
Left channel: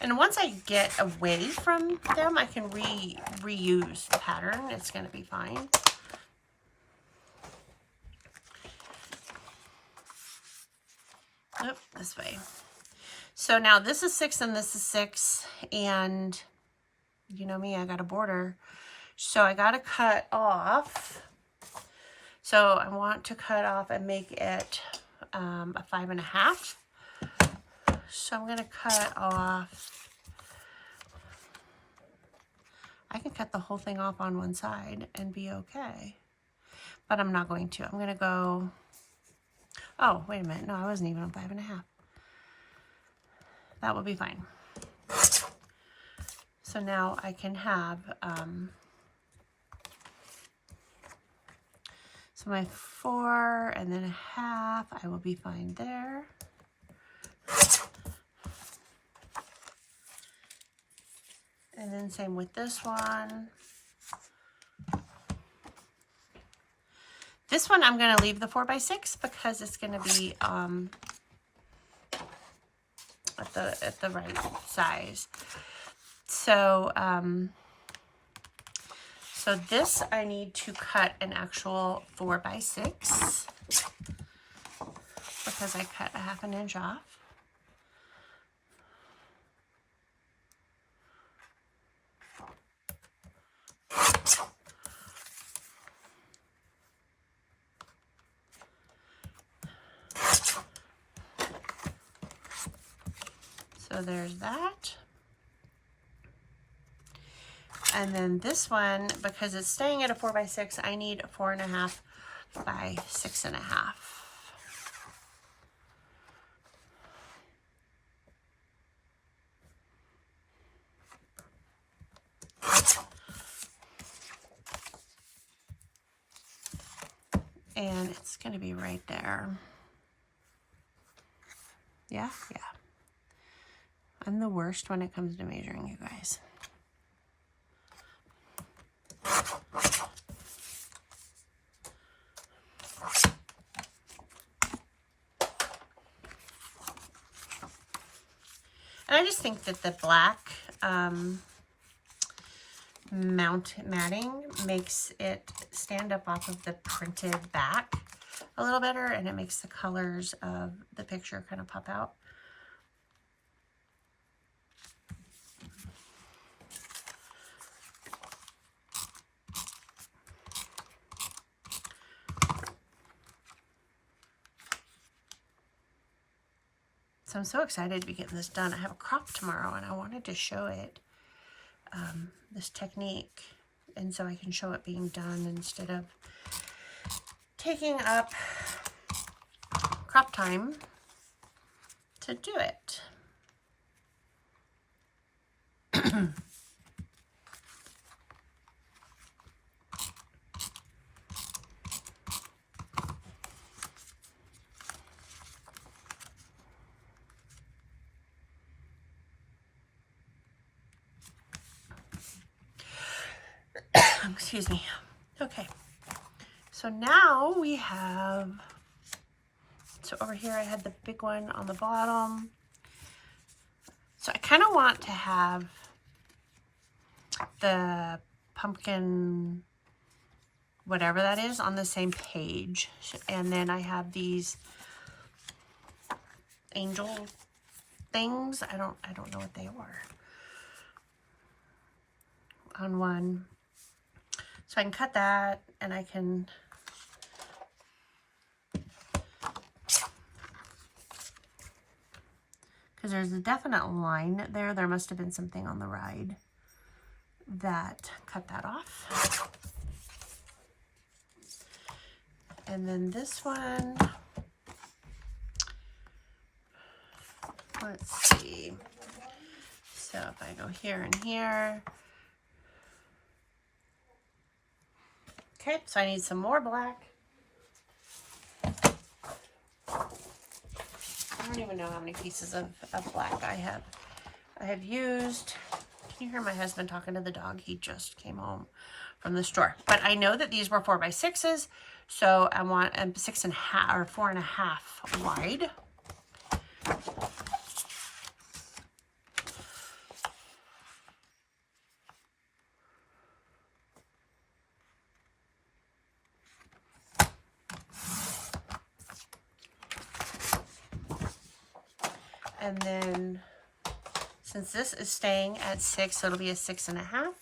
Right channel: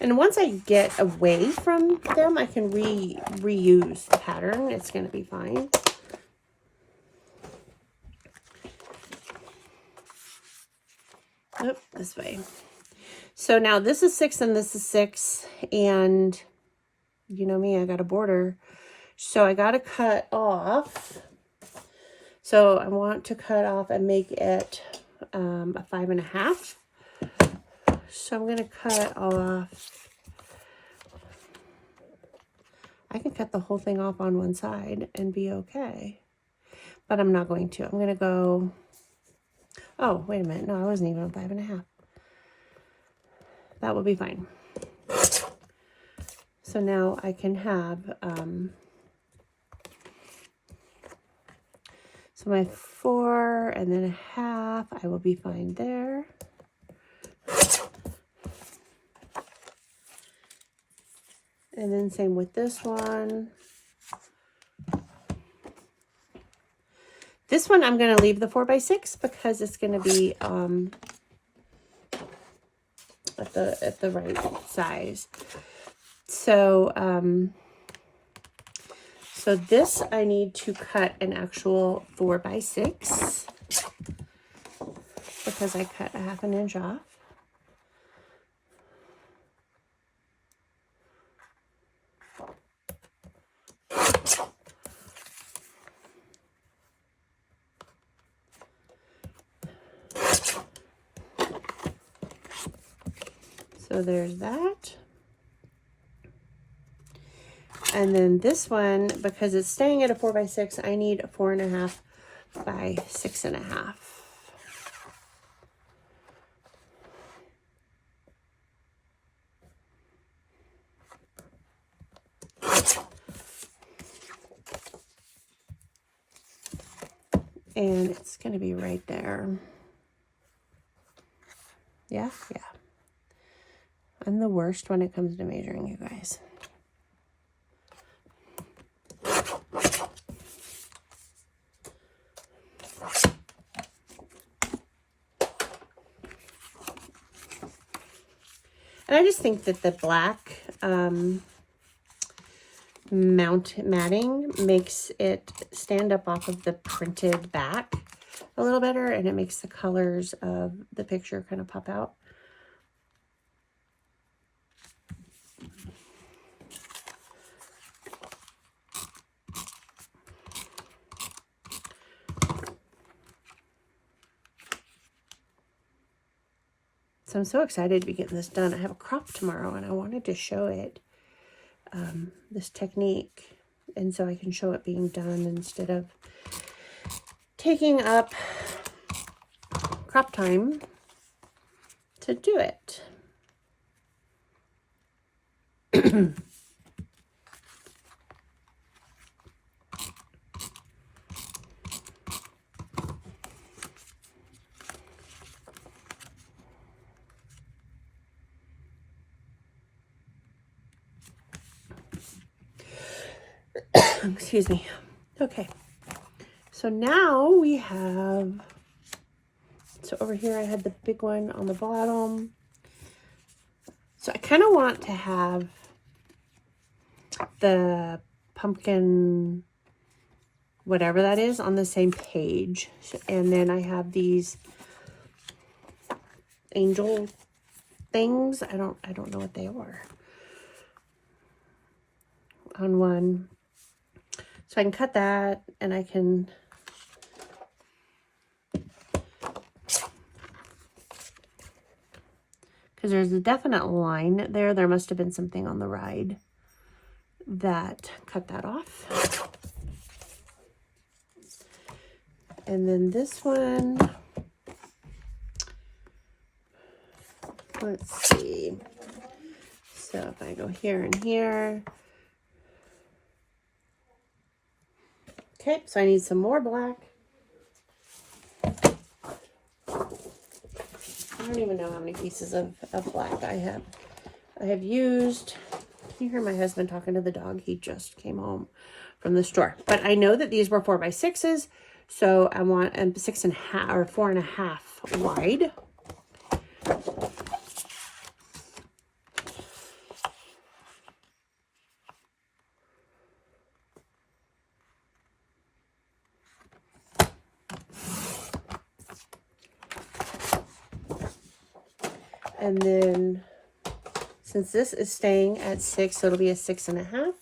And once I get away from them, I can reuse the pattern. It's going to be fine. Nope, this way. So now this is 6 and this is 6, and you know me, I got a border. So I got to cut off. So I want to cut off and make it a 5.5. So I'm going to cut off. I can cut the whole thing off on one side and be okay. But I'm not going to. I'm going to go. Oh, wait a minute. No, I wasn't even on 5.5. That will be fine. So now I can have, so my 4 and then a half, I will be fine there. And then same with this one. This one I'm going to leave the 4x6 because it's going to be at the right size. So so this I need to cut an actual 4x6 because I cut a 1/2 inch off. So there's that. And then this one, because it's staying at a 4x6, I need a 4.5 by 6.5. And it's going to be right there. Yeah. I'm the worst when it comes to measuring, you guys. And I just think that the black matting makes it stand up off of the printed back a little better, and it makes the colors of the picture kind of pop out. So I'm so excited to be getting this done. I have a crop tomorrow and I wanted to show it, this technique, and so I can show it being done instead of taking up crop time. to do it. Excuse me. Okay. So now we have, so over here I had the big one on the bottom. So I kind of want to have the pumpkin, whatever that is, on the same page. And then I have these angel things. I don't know what they are. On one. So I can cut that, and I can because there's a definite line there. There must have been something on the ride that cut that off. And then this one, let's see. So if I go here and here. Okay, so I need some more black. I don't even know how many pieces of black I have. I have used, can you hear my husband talking to the dog? He just came home from the store. But I know that these were 4x6s, so I want 6.5 or 4.5 wide. And then, since this is staying at 6, so it'll be a 6.5.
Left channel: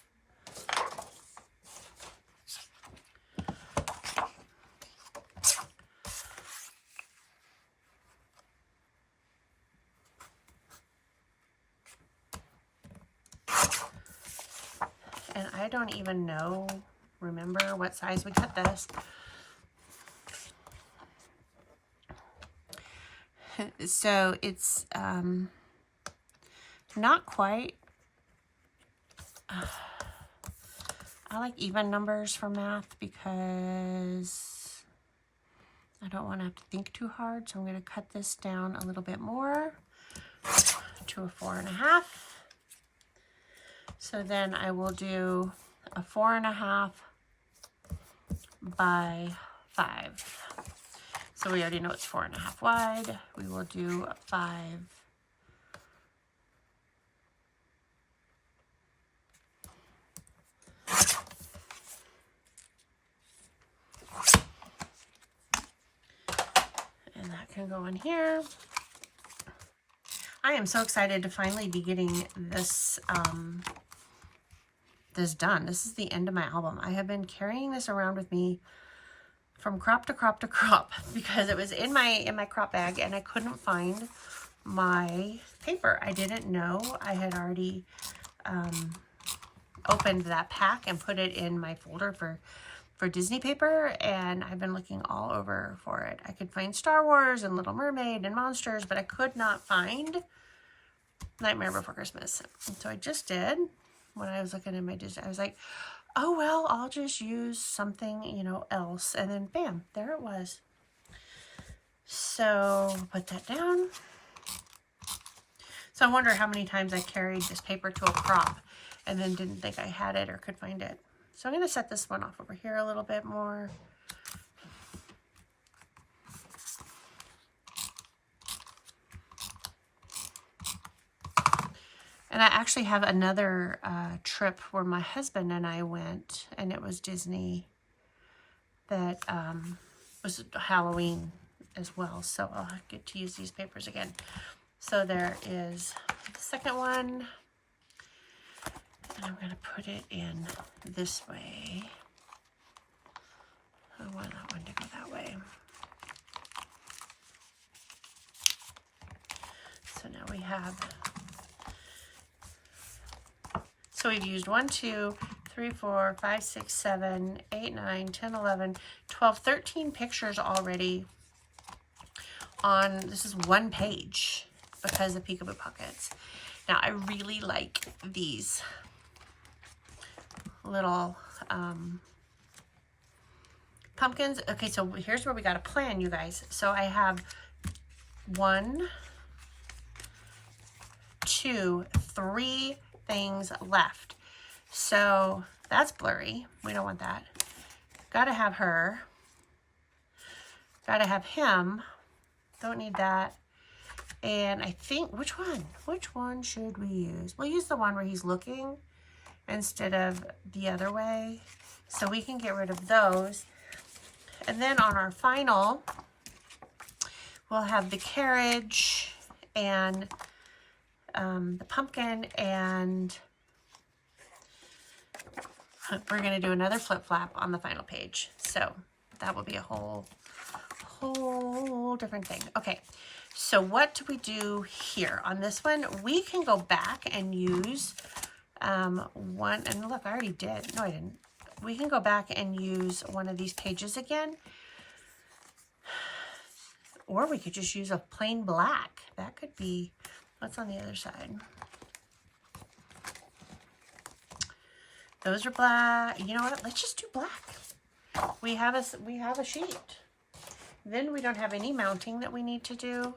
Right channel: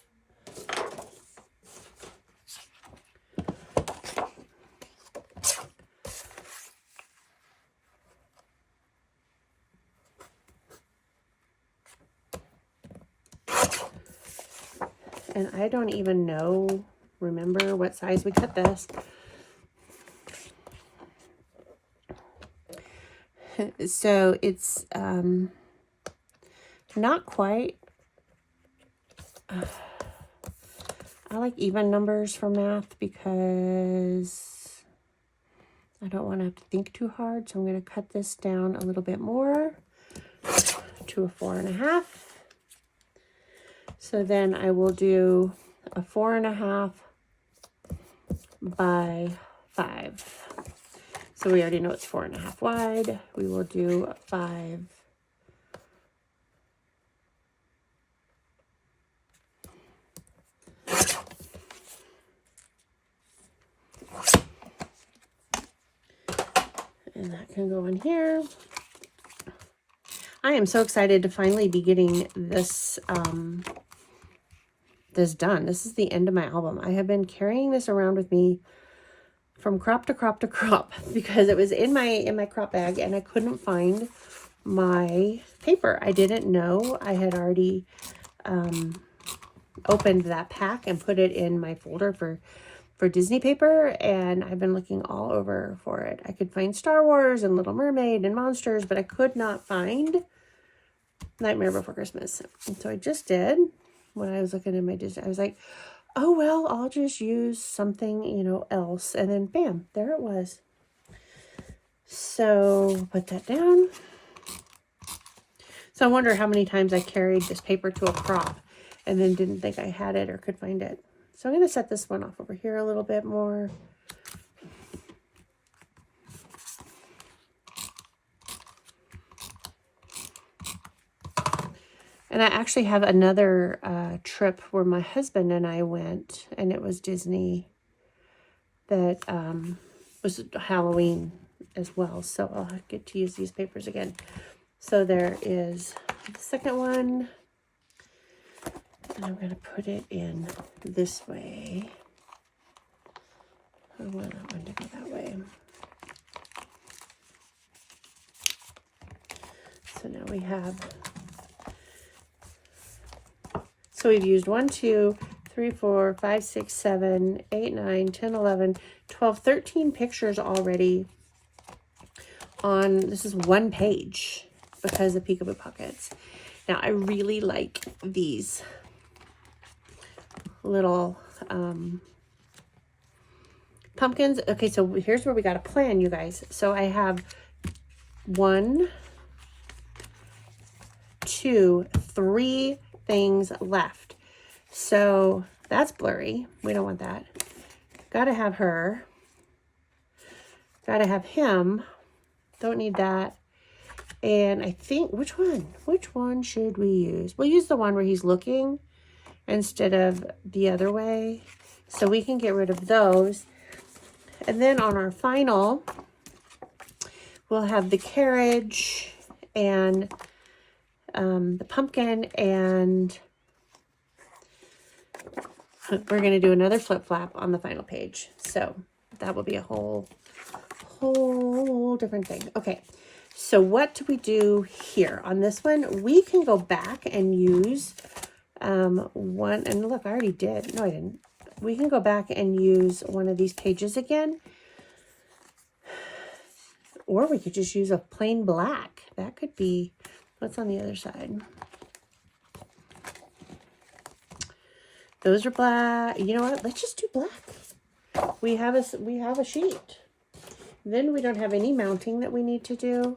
And I don't even remember what size we cut this. So it's not quite, I like even numbers for math because I don't want to have to think too hard. So I'm going to cut this down a little bit more to a 4.5. So then I will do a 4.5 by 5. So we already know it's 4.5 wide. We will do 5. And that can go in here. I am so excited to finally be getting this this done. This is the end of my album. I have been carrying this around with me from crop to crop to crop because it was in my crop bag and I couldn't find my paper. I didn't know I had already opened that pack and put it in my folder for Disney paper, and I've been looking all over for it. I could find Star Wars and Little Mermaid and Monsters, but I could not find Nightmare Before Christmas. And so I just did when I was looking at my Disney. I was like, oh, well, I'll just use something, else. And then, bam, there it was. So put that down. So I wonder how many times I carried this paper to a crop and then didn't think I had it or could find it. So I'm going to set this one off over here a little bit more. And I actually have another trip where my husband and I went, and it was Disney that was Halloween as well. So I'll get to use these papers again. So there is the second one. And I'm going to put it in this way. I want that one to go that way. So now we have, so we've used 1, 2, 3, 4, 5, 6, 7, 8, 9, 10, 11, 12, 13 pictures already on, this is one page. because of peekaboo pockets. Now I really like these little pumpkins. Okay, so here's where we got a plan, you guys. So I have 1, 2, 3 things left. So that's blurry. We don't want that. Gotta have her. Gotta have him. Don't need that. And I think, which one should we use? We'll use the one where he's looking instead of the other way. So we can get rid of those. And then on our final, we'll have the carriage and the pumpkin, and we're going to do another flip flap on the final page. So that will be a whole different thing. Okay, so what do we do here on this one? We can go back and use one, and look, I already did. No, I didn't. We can go back and use one of these pages again, or we could just use a plain black. That could be, what's on the other side? Those are black. You know what? Let's just do black. We have a sheet. Then we don't have any mounting that we need to do.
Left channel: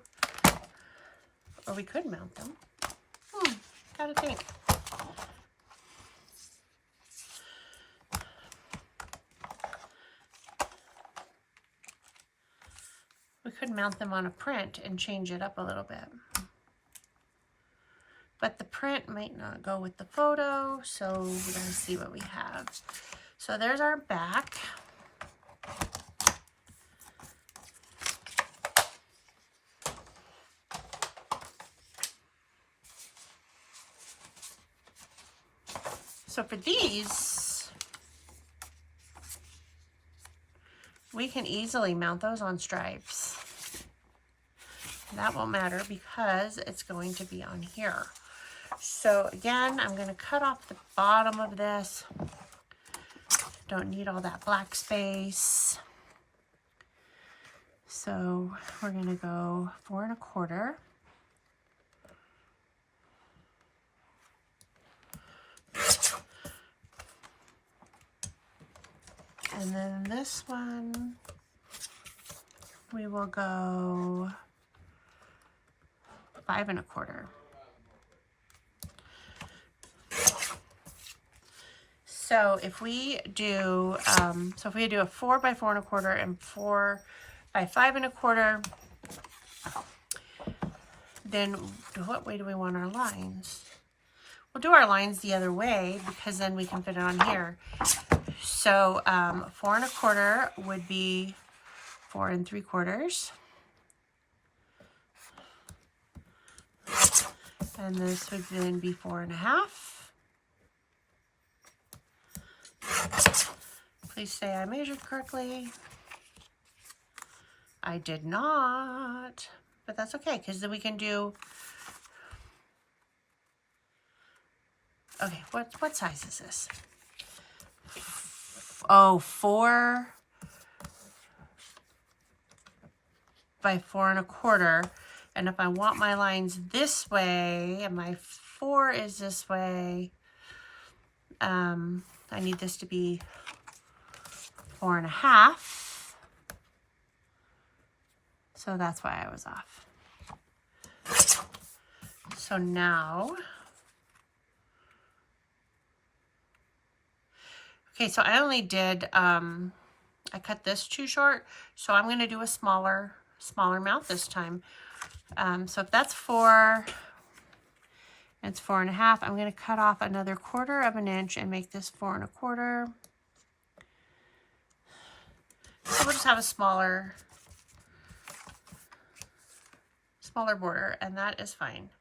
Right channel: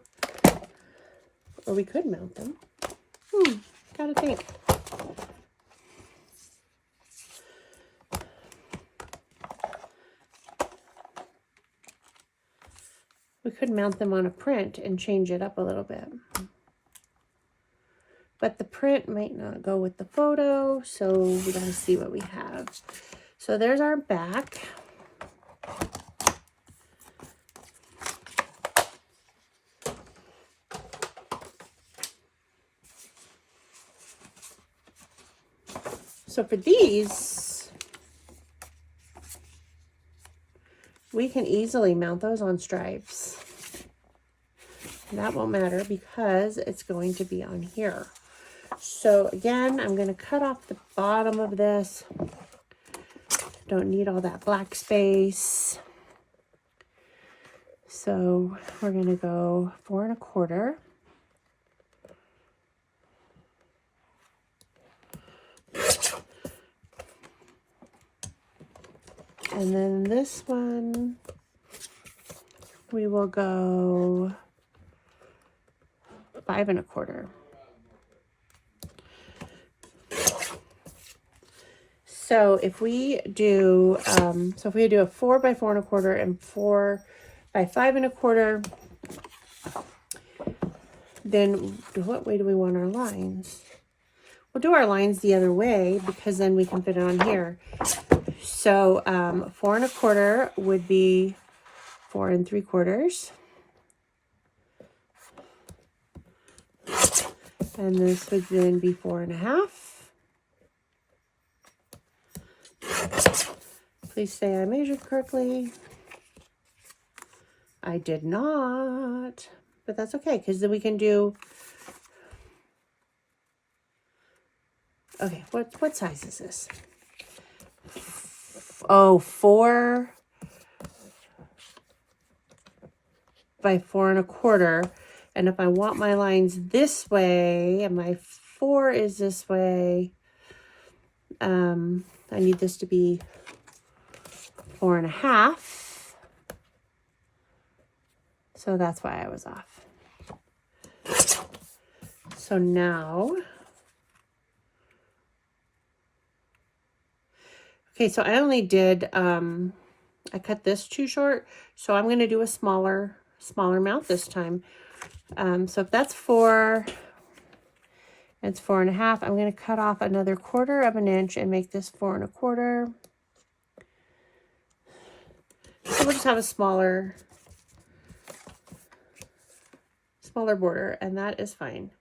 Or we could mount them. Gotta think. We could mount them on a print and change it up a little bit. But the print might not go with the photo, so we gotta see what we have. So there's our back. So for these, we can easily mount those on stripes. That won't matter because it's going to be on here. So again, I'm going to cut off the bottom of this. Don't need all that black space. So we're going to go 4 1/4. And then this one, we will go 5 1/4. So if we do, a 4 by 4 1/4 and 4 by 5 1/4, then what way do we want our lines? We'll do our lines the other way because then we can fit it on here. So 4 1/4 would be 4 3/4. And this would then be 4 1/2. Please say I measured correctly. I did not, but that's okay because then we can do, okay, what size is this? Oh, 4 by 4 1/4. And if I want my lines this way and my 4 is this way, I need this to be 4 1/2. So that's why I was off. So now, okay, so I only did, I cut this too short, so I'm going to do a smaller mount this time. So if that's 4, it's 4 1/2. I'm going to cut off another 1/4 of an inch and make this 4 1/4. So we'll just have a smaller border, and that is fine.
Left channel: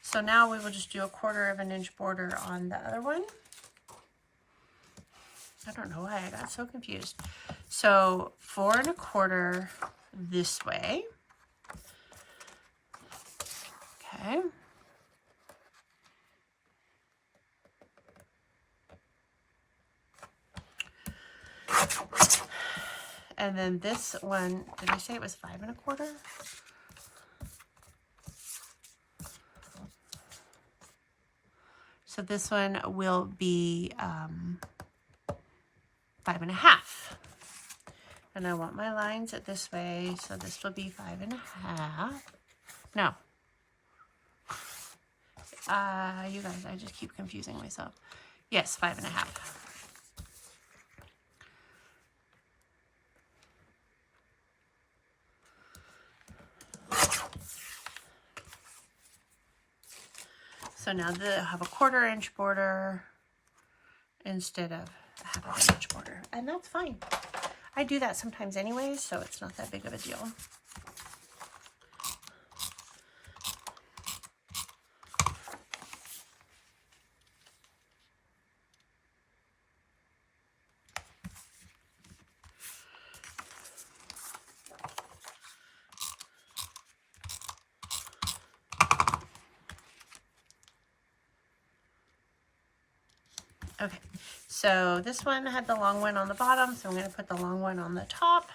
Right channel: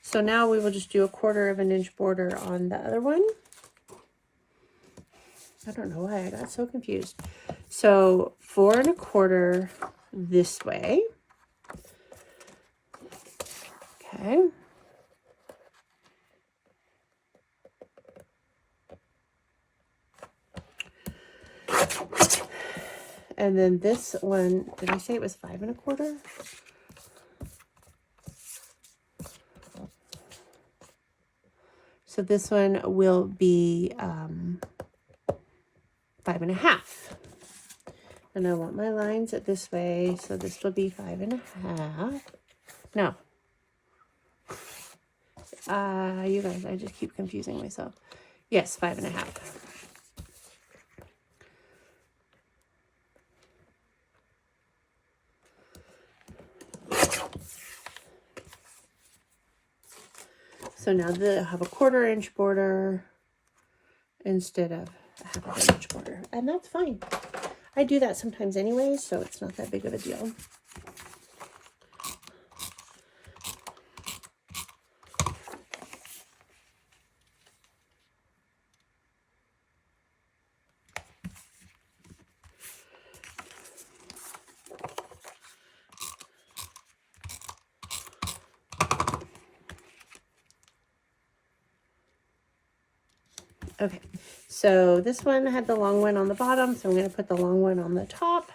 So now we will just do a 1/4 of an inch border on the other one. I don't know why I got so confused. So 4 1/4 this way. Okay. And then this one, did I say it was 5 1/4? So this one will be 5.5. And I want my lines this way, so this will be 5.5. No. You guys, I just keep confusing myself. Yes, 5.5. So now I have a 1/4 inch border instead of a 1/2 inch border, and that's fine. I do that sometimes anyway, so it's not that big of a deal. Okay, so this one had the long one on the bottom, so I'm going to put the long one on the top.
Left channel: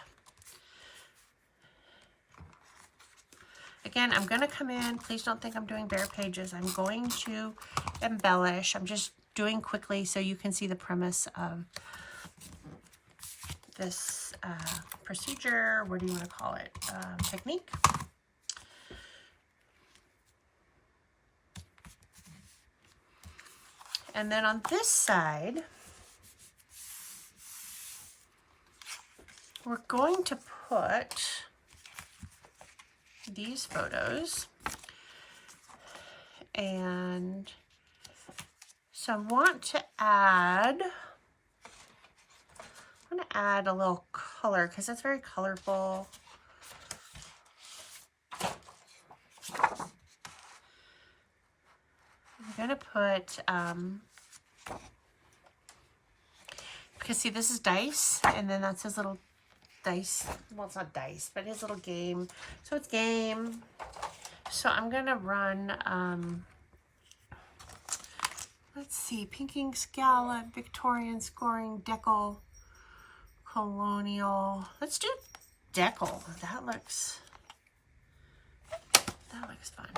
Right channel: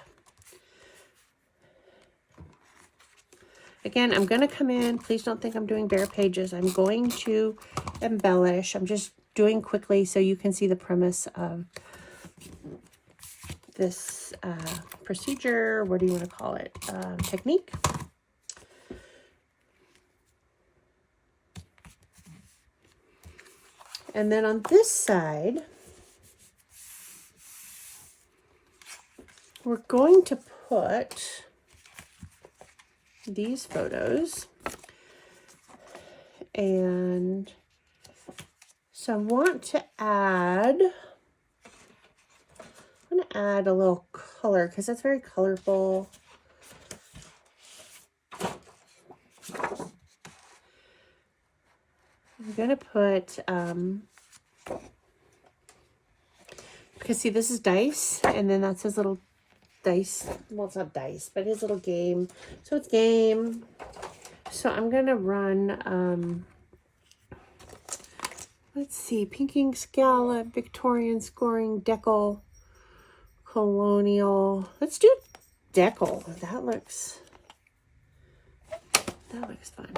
Again, I'm going to come in. Please don't think I'm doing bare pages. I'm going to embellish. I'm just doing quickly so you can see the premise of this procedure. What do you want to call it? Technique. And then on this side, we're going to put these photos. And so I want to add, a little color because it's very colorful. I'm going to put, because see, this is dice, and then that's his little dice. Well, it's not dice, but his little game. So it's game. So I'm going to run, let's see, pinking scallop, Victorian scoring, decal, colonial. Let's do decal. That looks fun.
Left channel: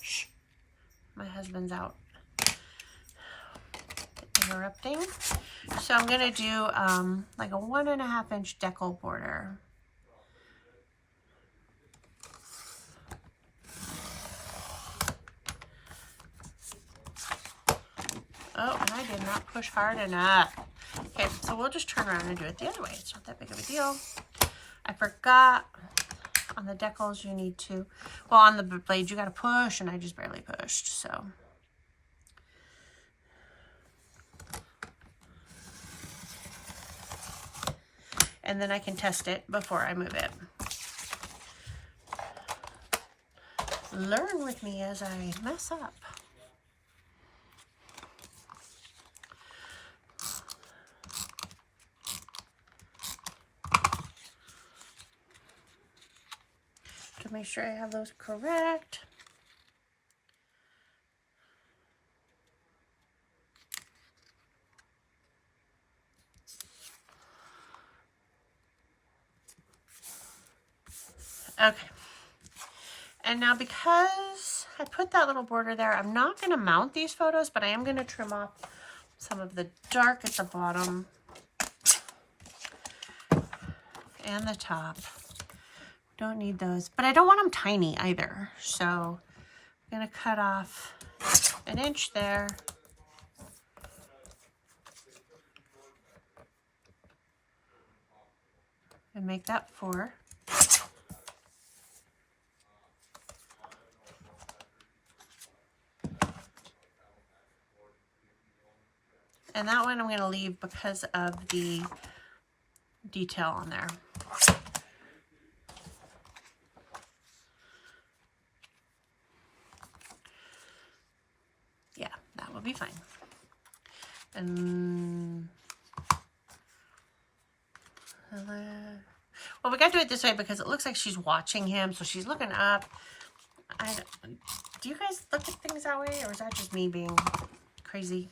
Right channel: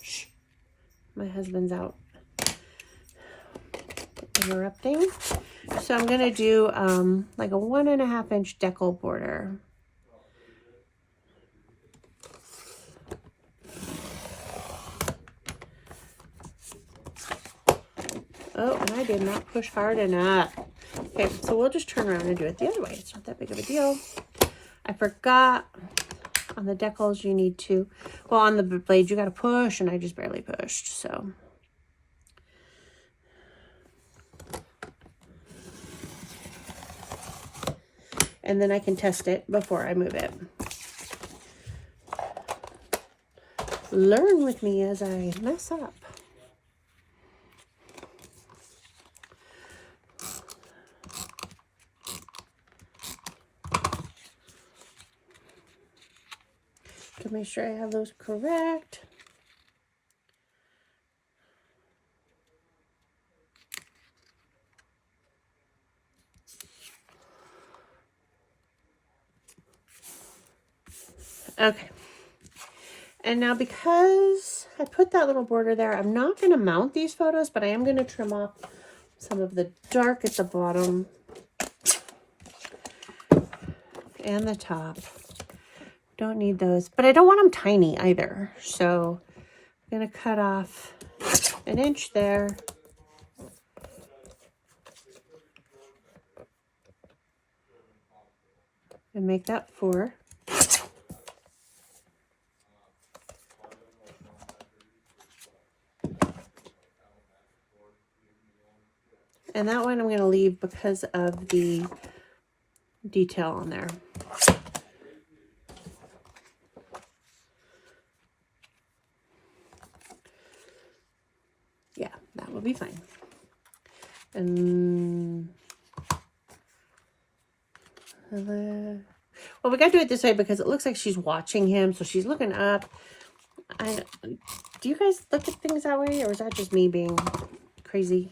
Shh. My husband's out interrupting. So I'm going to do like a 1.5 inch decal border. Oh, and I did not push hard enough. Okay, so we'll just turn around and do it the other way. It's not that big of a deal. I forgot on the decals you need to, well, on the blade you got to push, and I just barely pushed, so. And then I can test it before I move it. Learn with me as I mess up. To make sure I have those correct. Okay. And now because I put that little border there, I'm not going to mount these photos, but I am going to trim off some of the dark at the bottom and the top. Don't need those, but I don't want them tiny either. So I'm going to cut off 1 inch there. And make that 4. And that one I'm going to leave because of the detail on there. Yeah, that will be fine. And well, we got to do it this way because it looks like she's watching him, so she's looking up. Do you guys look at things that way, or is that just me being crazy?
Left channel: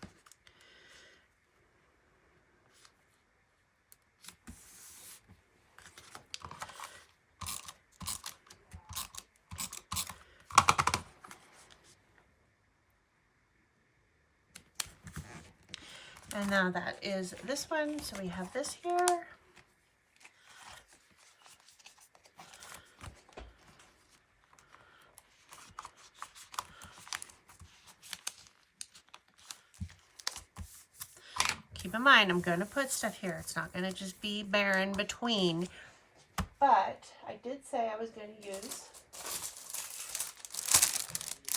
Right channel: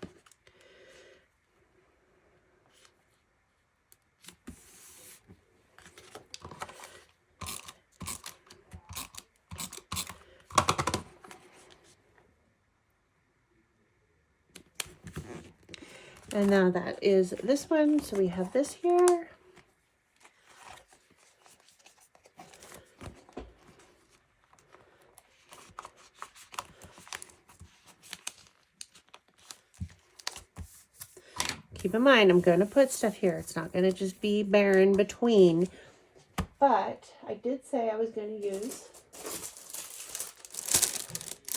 And now that is this one. So we have this here. Keep in mind, I'm going to put stuff here. It's not going to just be barren between. But I did say I was going to use.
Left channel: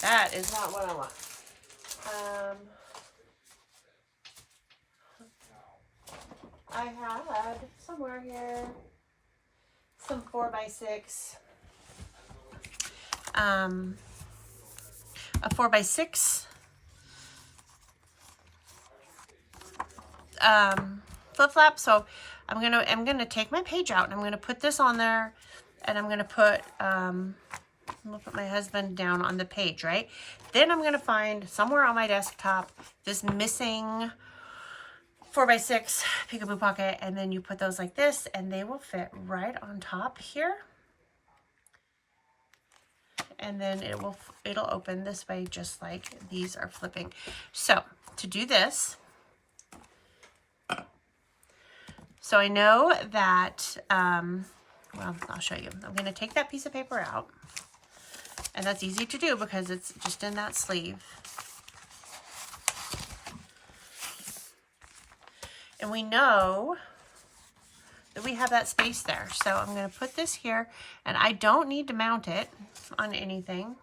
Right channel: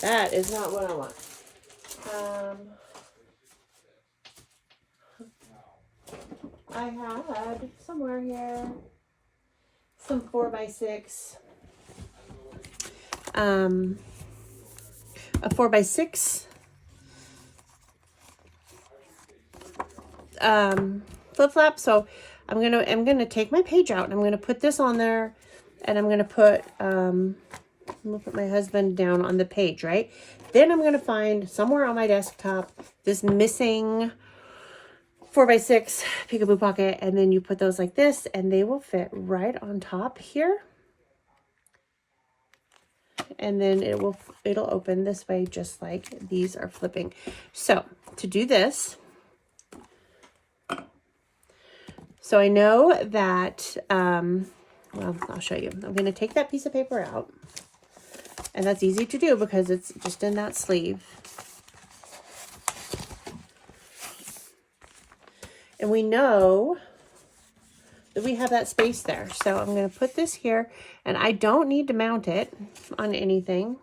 That is not what I want. I had somewhere here some 4x6. A 4x6 flip flop. So I'm gonna take my page out and I'm gonna put this on there, and I'm gonna put I'm gonna put my husband down on the page, right? Then I'm gonna find somewhere on my desktop this missing 4x6 peekaboo pocket, and then you put those like this, and they will fit right on top here. And then it'll open this way, just like these are flipping. So to do this, so I know that, well, I'll show you. I'm going to take that piece of paper out, and that's easy to do because it's just in that sleeve. And we know that we have that space there. So I'm going to put this here, and I don't need to mount it on anything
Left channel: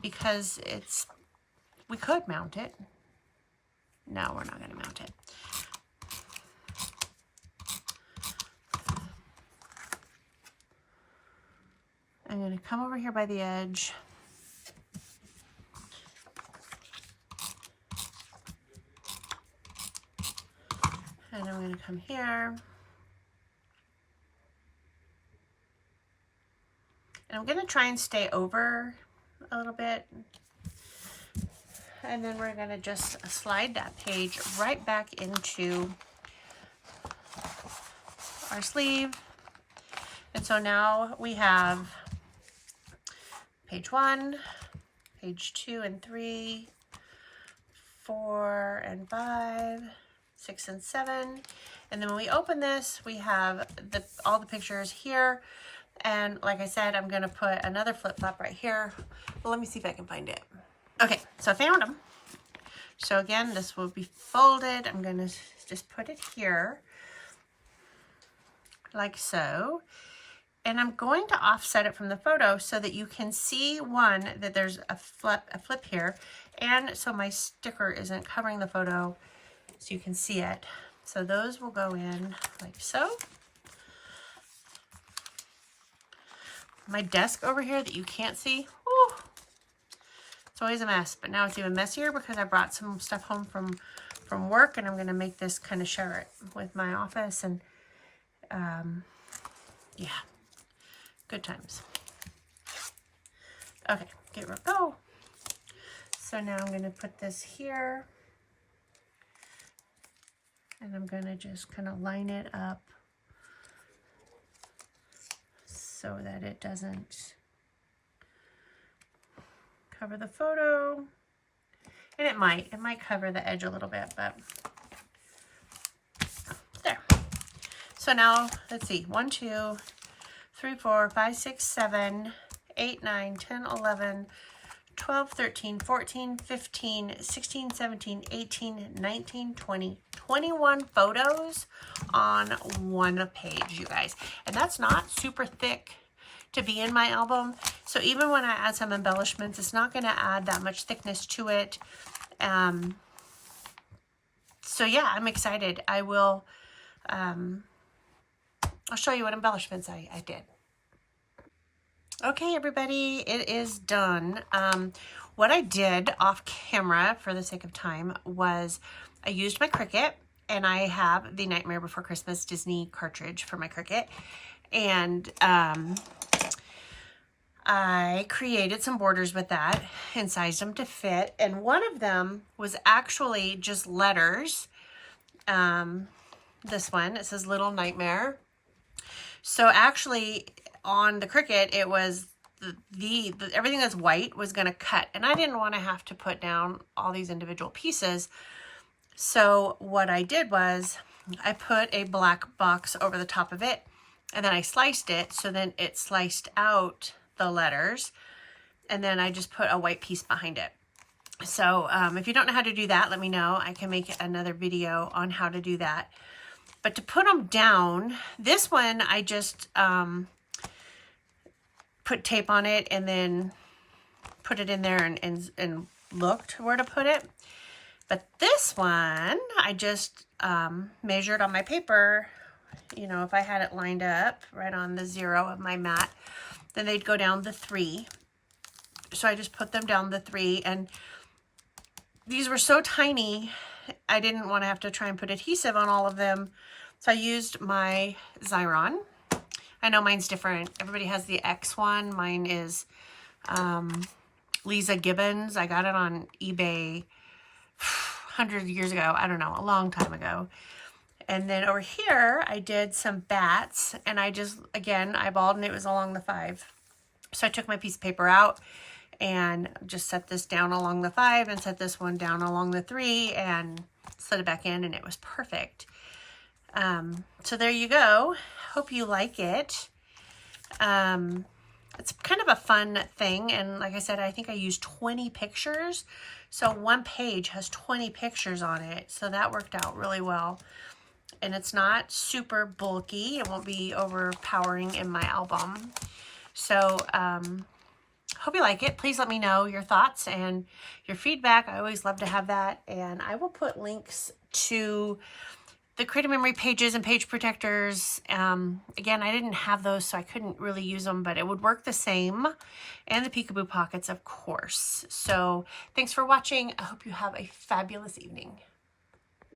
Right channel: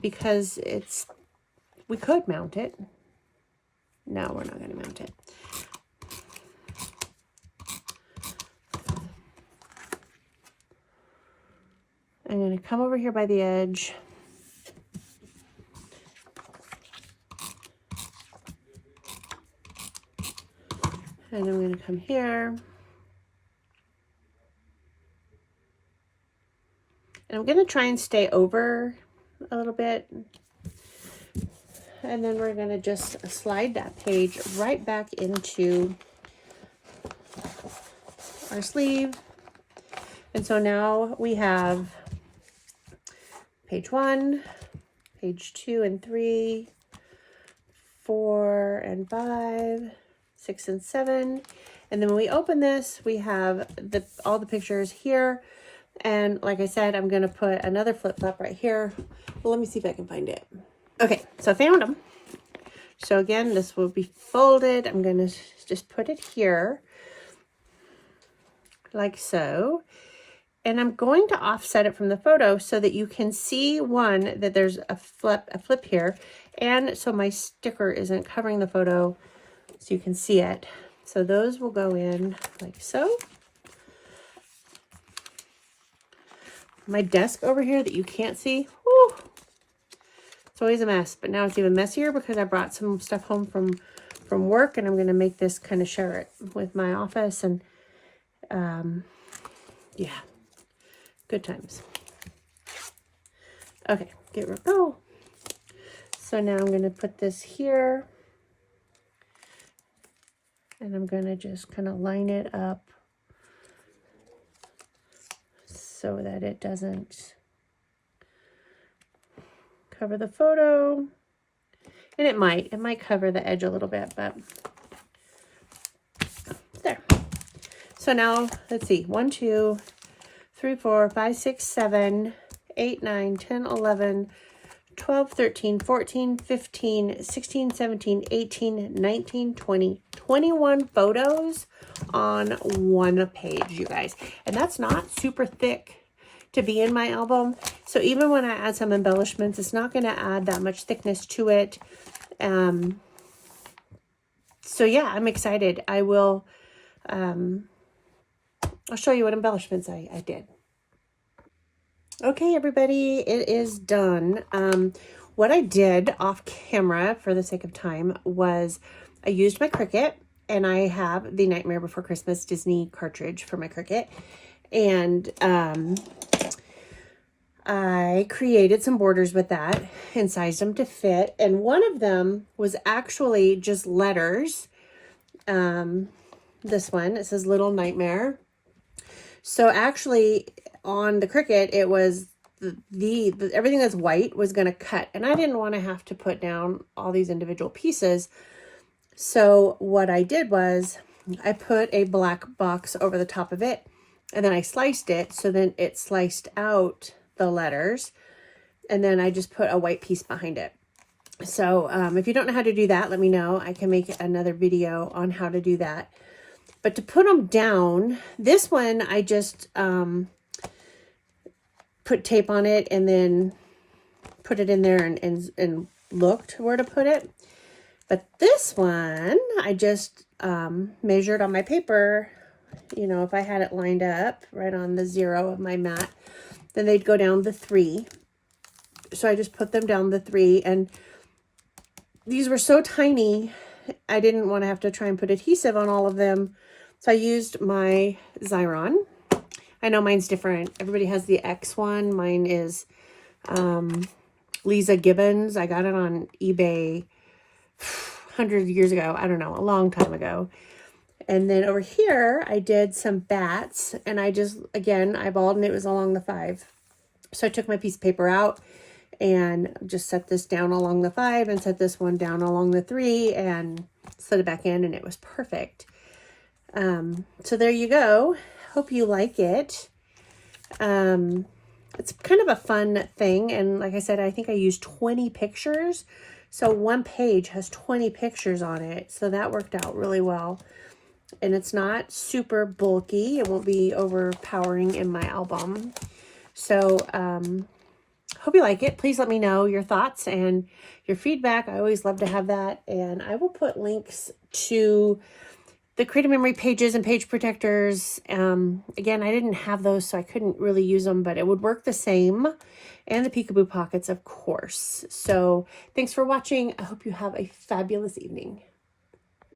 because we could mount it. No, we're not going to mount it. I'm going to come over here by the edge. And I'm going to come here. And I'm going to try and stay over a little bit. And then we're going to just slide that page right back into our sleeve. And so now we have page 1, page 2 and 3, 4 and 5, 6 and 7. And then when we open this, we have all the pictures here. And like I said, I'm going to put another flip flop right here. Well, let me see if I can find it. Okay, so I found them. So again, this will be folded. I'm going to just put it here like so. And I'm going to offset it from the photo so that you can see, one, that there's a flip here, and so my sticker isn't covering the photo, so you can see it. So those will go in like so. My desk over here that you can't see, whew, it's always a mess, but now it's even messier because I brought some stuff home from work, and I'm going to make this kind of share it with my office, and yeah. Good times. Okay, go. So now I'm going to put this here, and I'm going to just kind of line it up so that it doesn't cover the photo. And it might cover the edge a little bit, but there. So now let's see, 1, 2, 3, 4, 5, 6, 7, 8, 9, 10, 11, 12, 13, 14, 15, 16, 17, 18, 19, 20, 21 photos on one page, you guys. And that's not super thick to be in my album. So even when I add some embellishments, it's not going to add that much thickness to it. So yeah, I'm excited. I will, I'll show you what embellishments I did. Okay, everybody, it is done. What I did off camera for the sake of time was I used my Cricut, and I have the Nightmare Before Christmas Disney cartridge for my Cricut. And I created some borders with that and sized them to fit. And one of them was actually just letters. This one, it says Little Nightmare. So actually on the Cricut, it was the everything that's white was going to cut, and I didn't want to have to put down all these individual pieces. So what I did was I put a black box over the top of it, and then I sliced it, so then it sliced out the letters, and then I just put a white piece behind it. So if you don't know how to do that, let me know. I can make another video on how to do that. But to put them down, this one I just put tape on it and then put it in there and looked where to put it. But this one, I just measured on my paper, you know, if I had it lined up right on the 0 of my mat, then they'd go down the 3. So I just put them down the 3, and these were so tiny, I didn't want to have to try and put adhesive on all of them. So I used my Xyron. I know mine's different. Everybody has the X one. Mine is Lisa Gibbons. I got it on eBay 100 years ago. I don't know, a long time ago. And then over here, I did some bats, and I just, again, eyeballed, and it was along the 5. So I took my piece of paper out and just set this down along the 5 and set this one down along the 3 and slid it back in, and it was perfect. So there you go. Hope you like it. It's kind of a fun thing. And like I said, I think I used 20 pictures. So one page has 20 pictures on it. So that worked out really well. And it's not super bulky. It won't be overpowering in my album. So, hope you like it. Please let me know your thoughts and your feedback. I always love to have that. And I will put links to the Creative Memory pages and page protectors. Again, I didn't have those, so I couldn't really use them, but it would work the same. And the Peekaboo Pockets, of course. So thanks for watching. I hope you have a fabulous evening.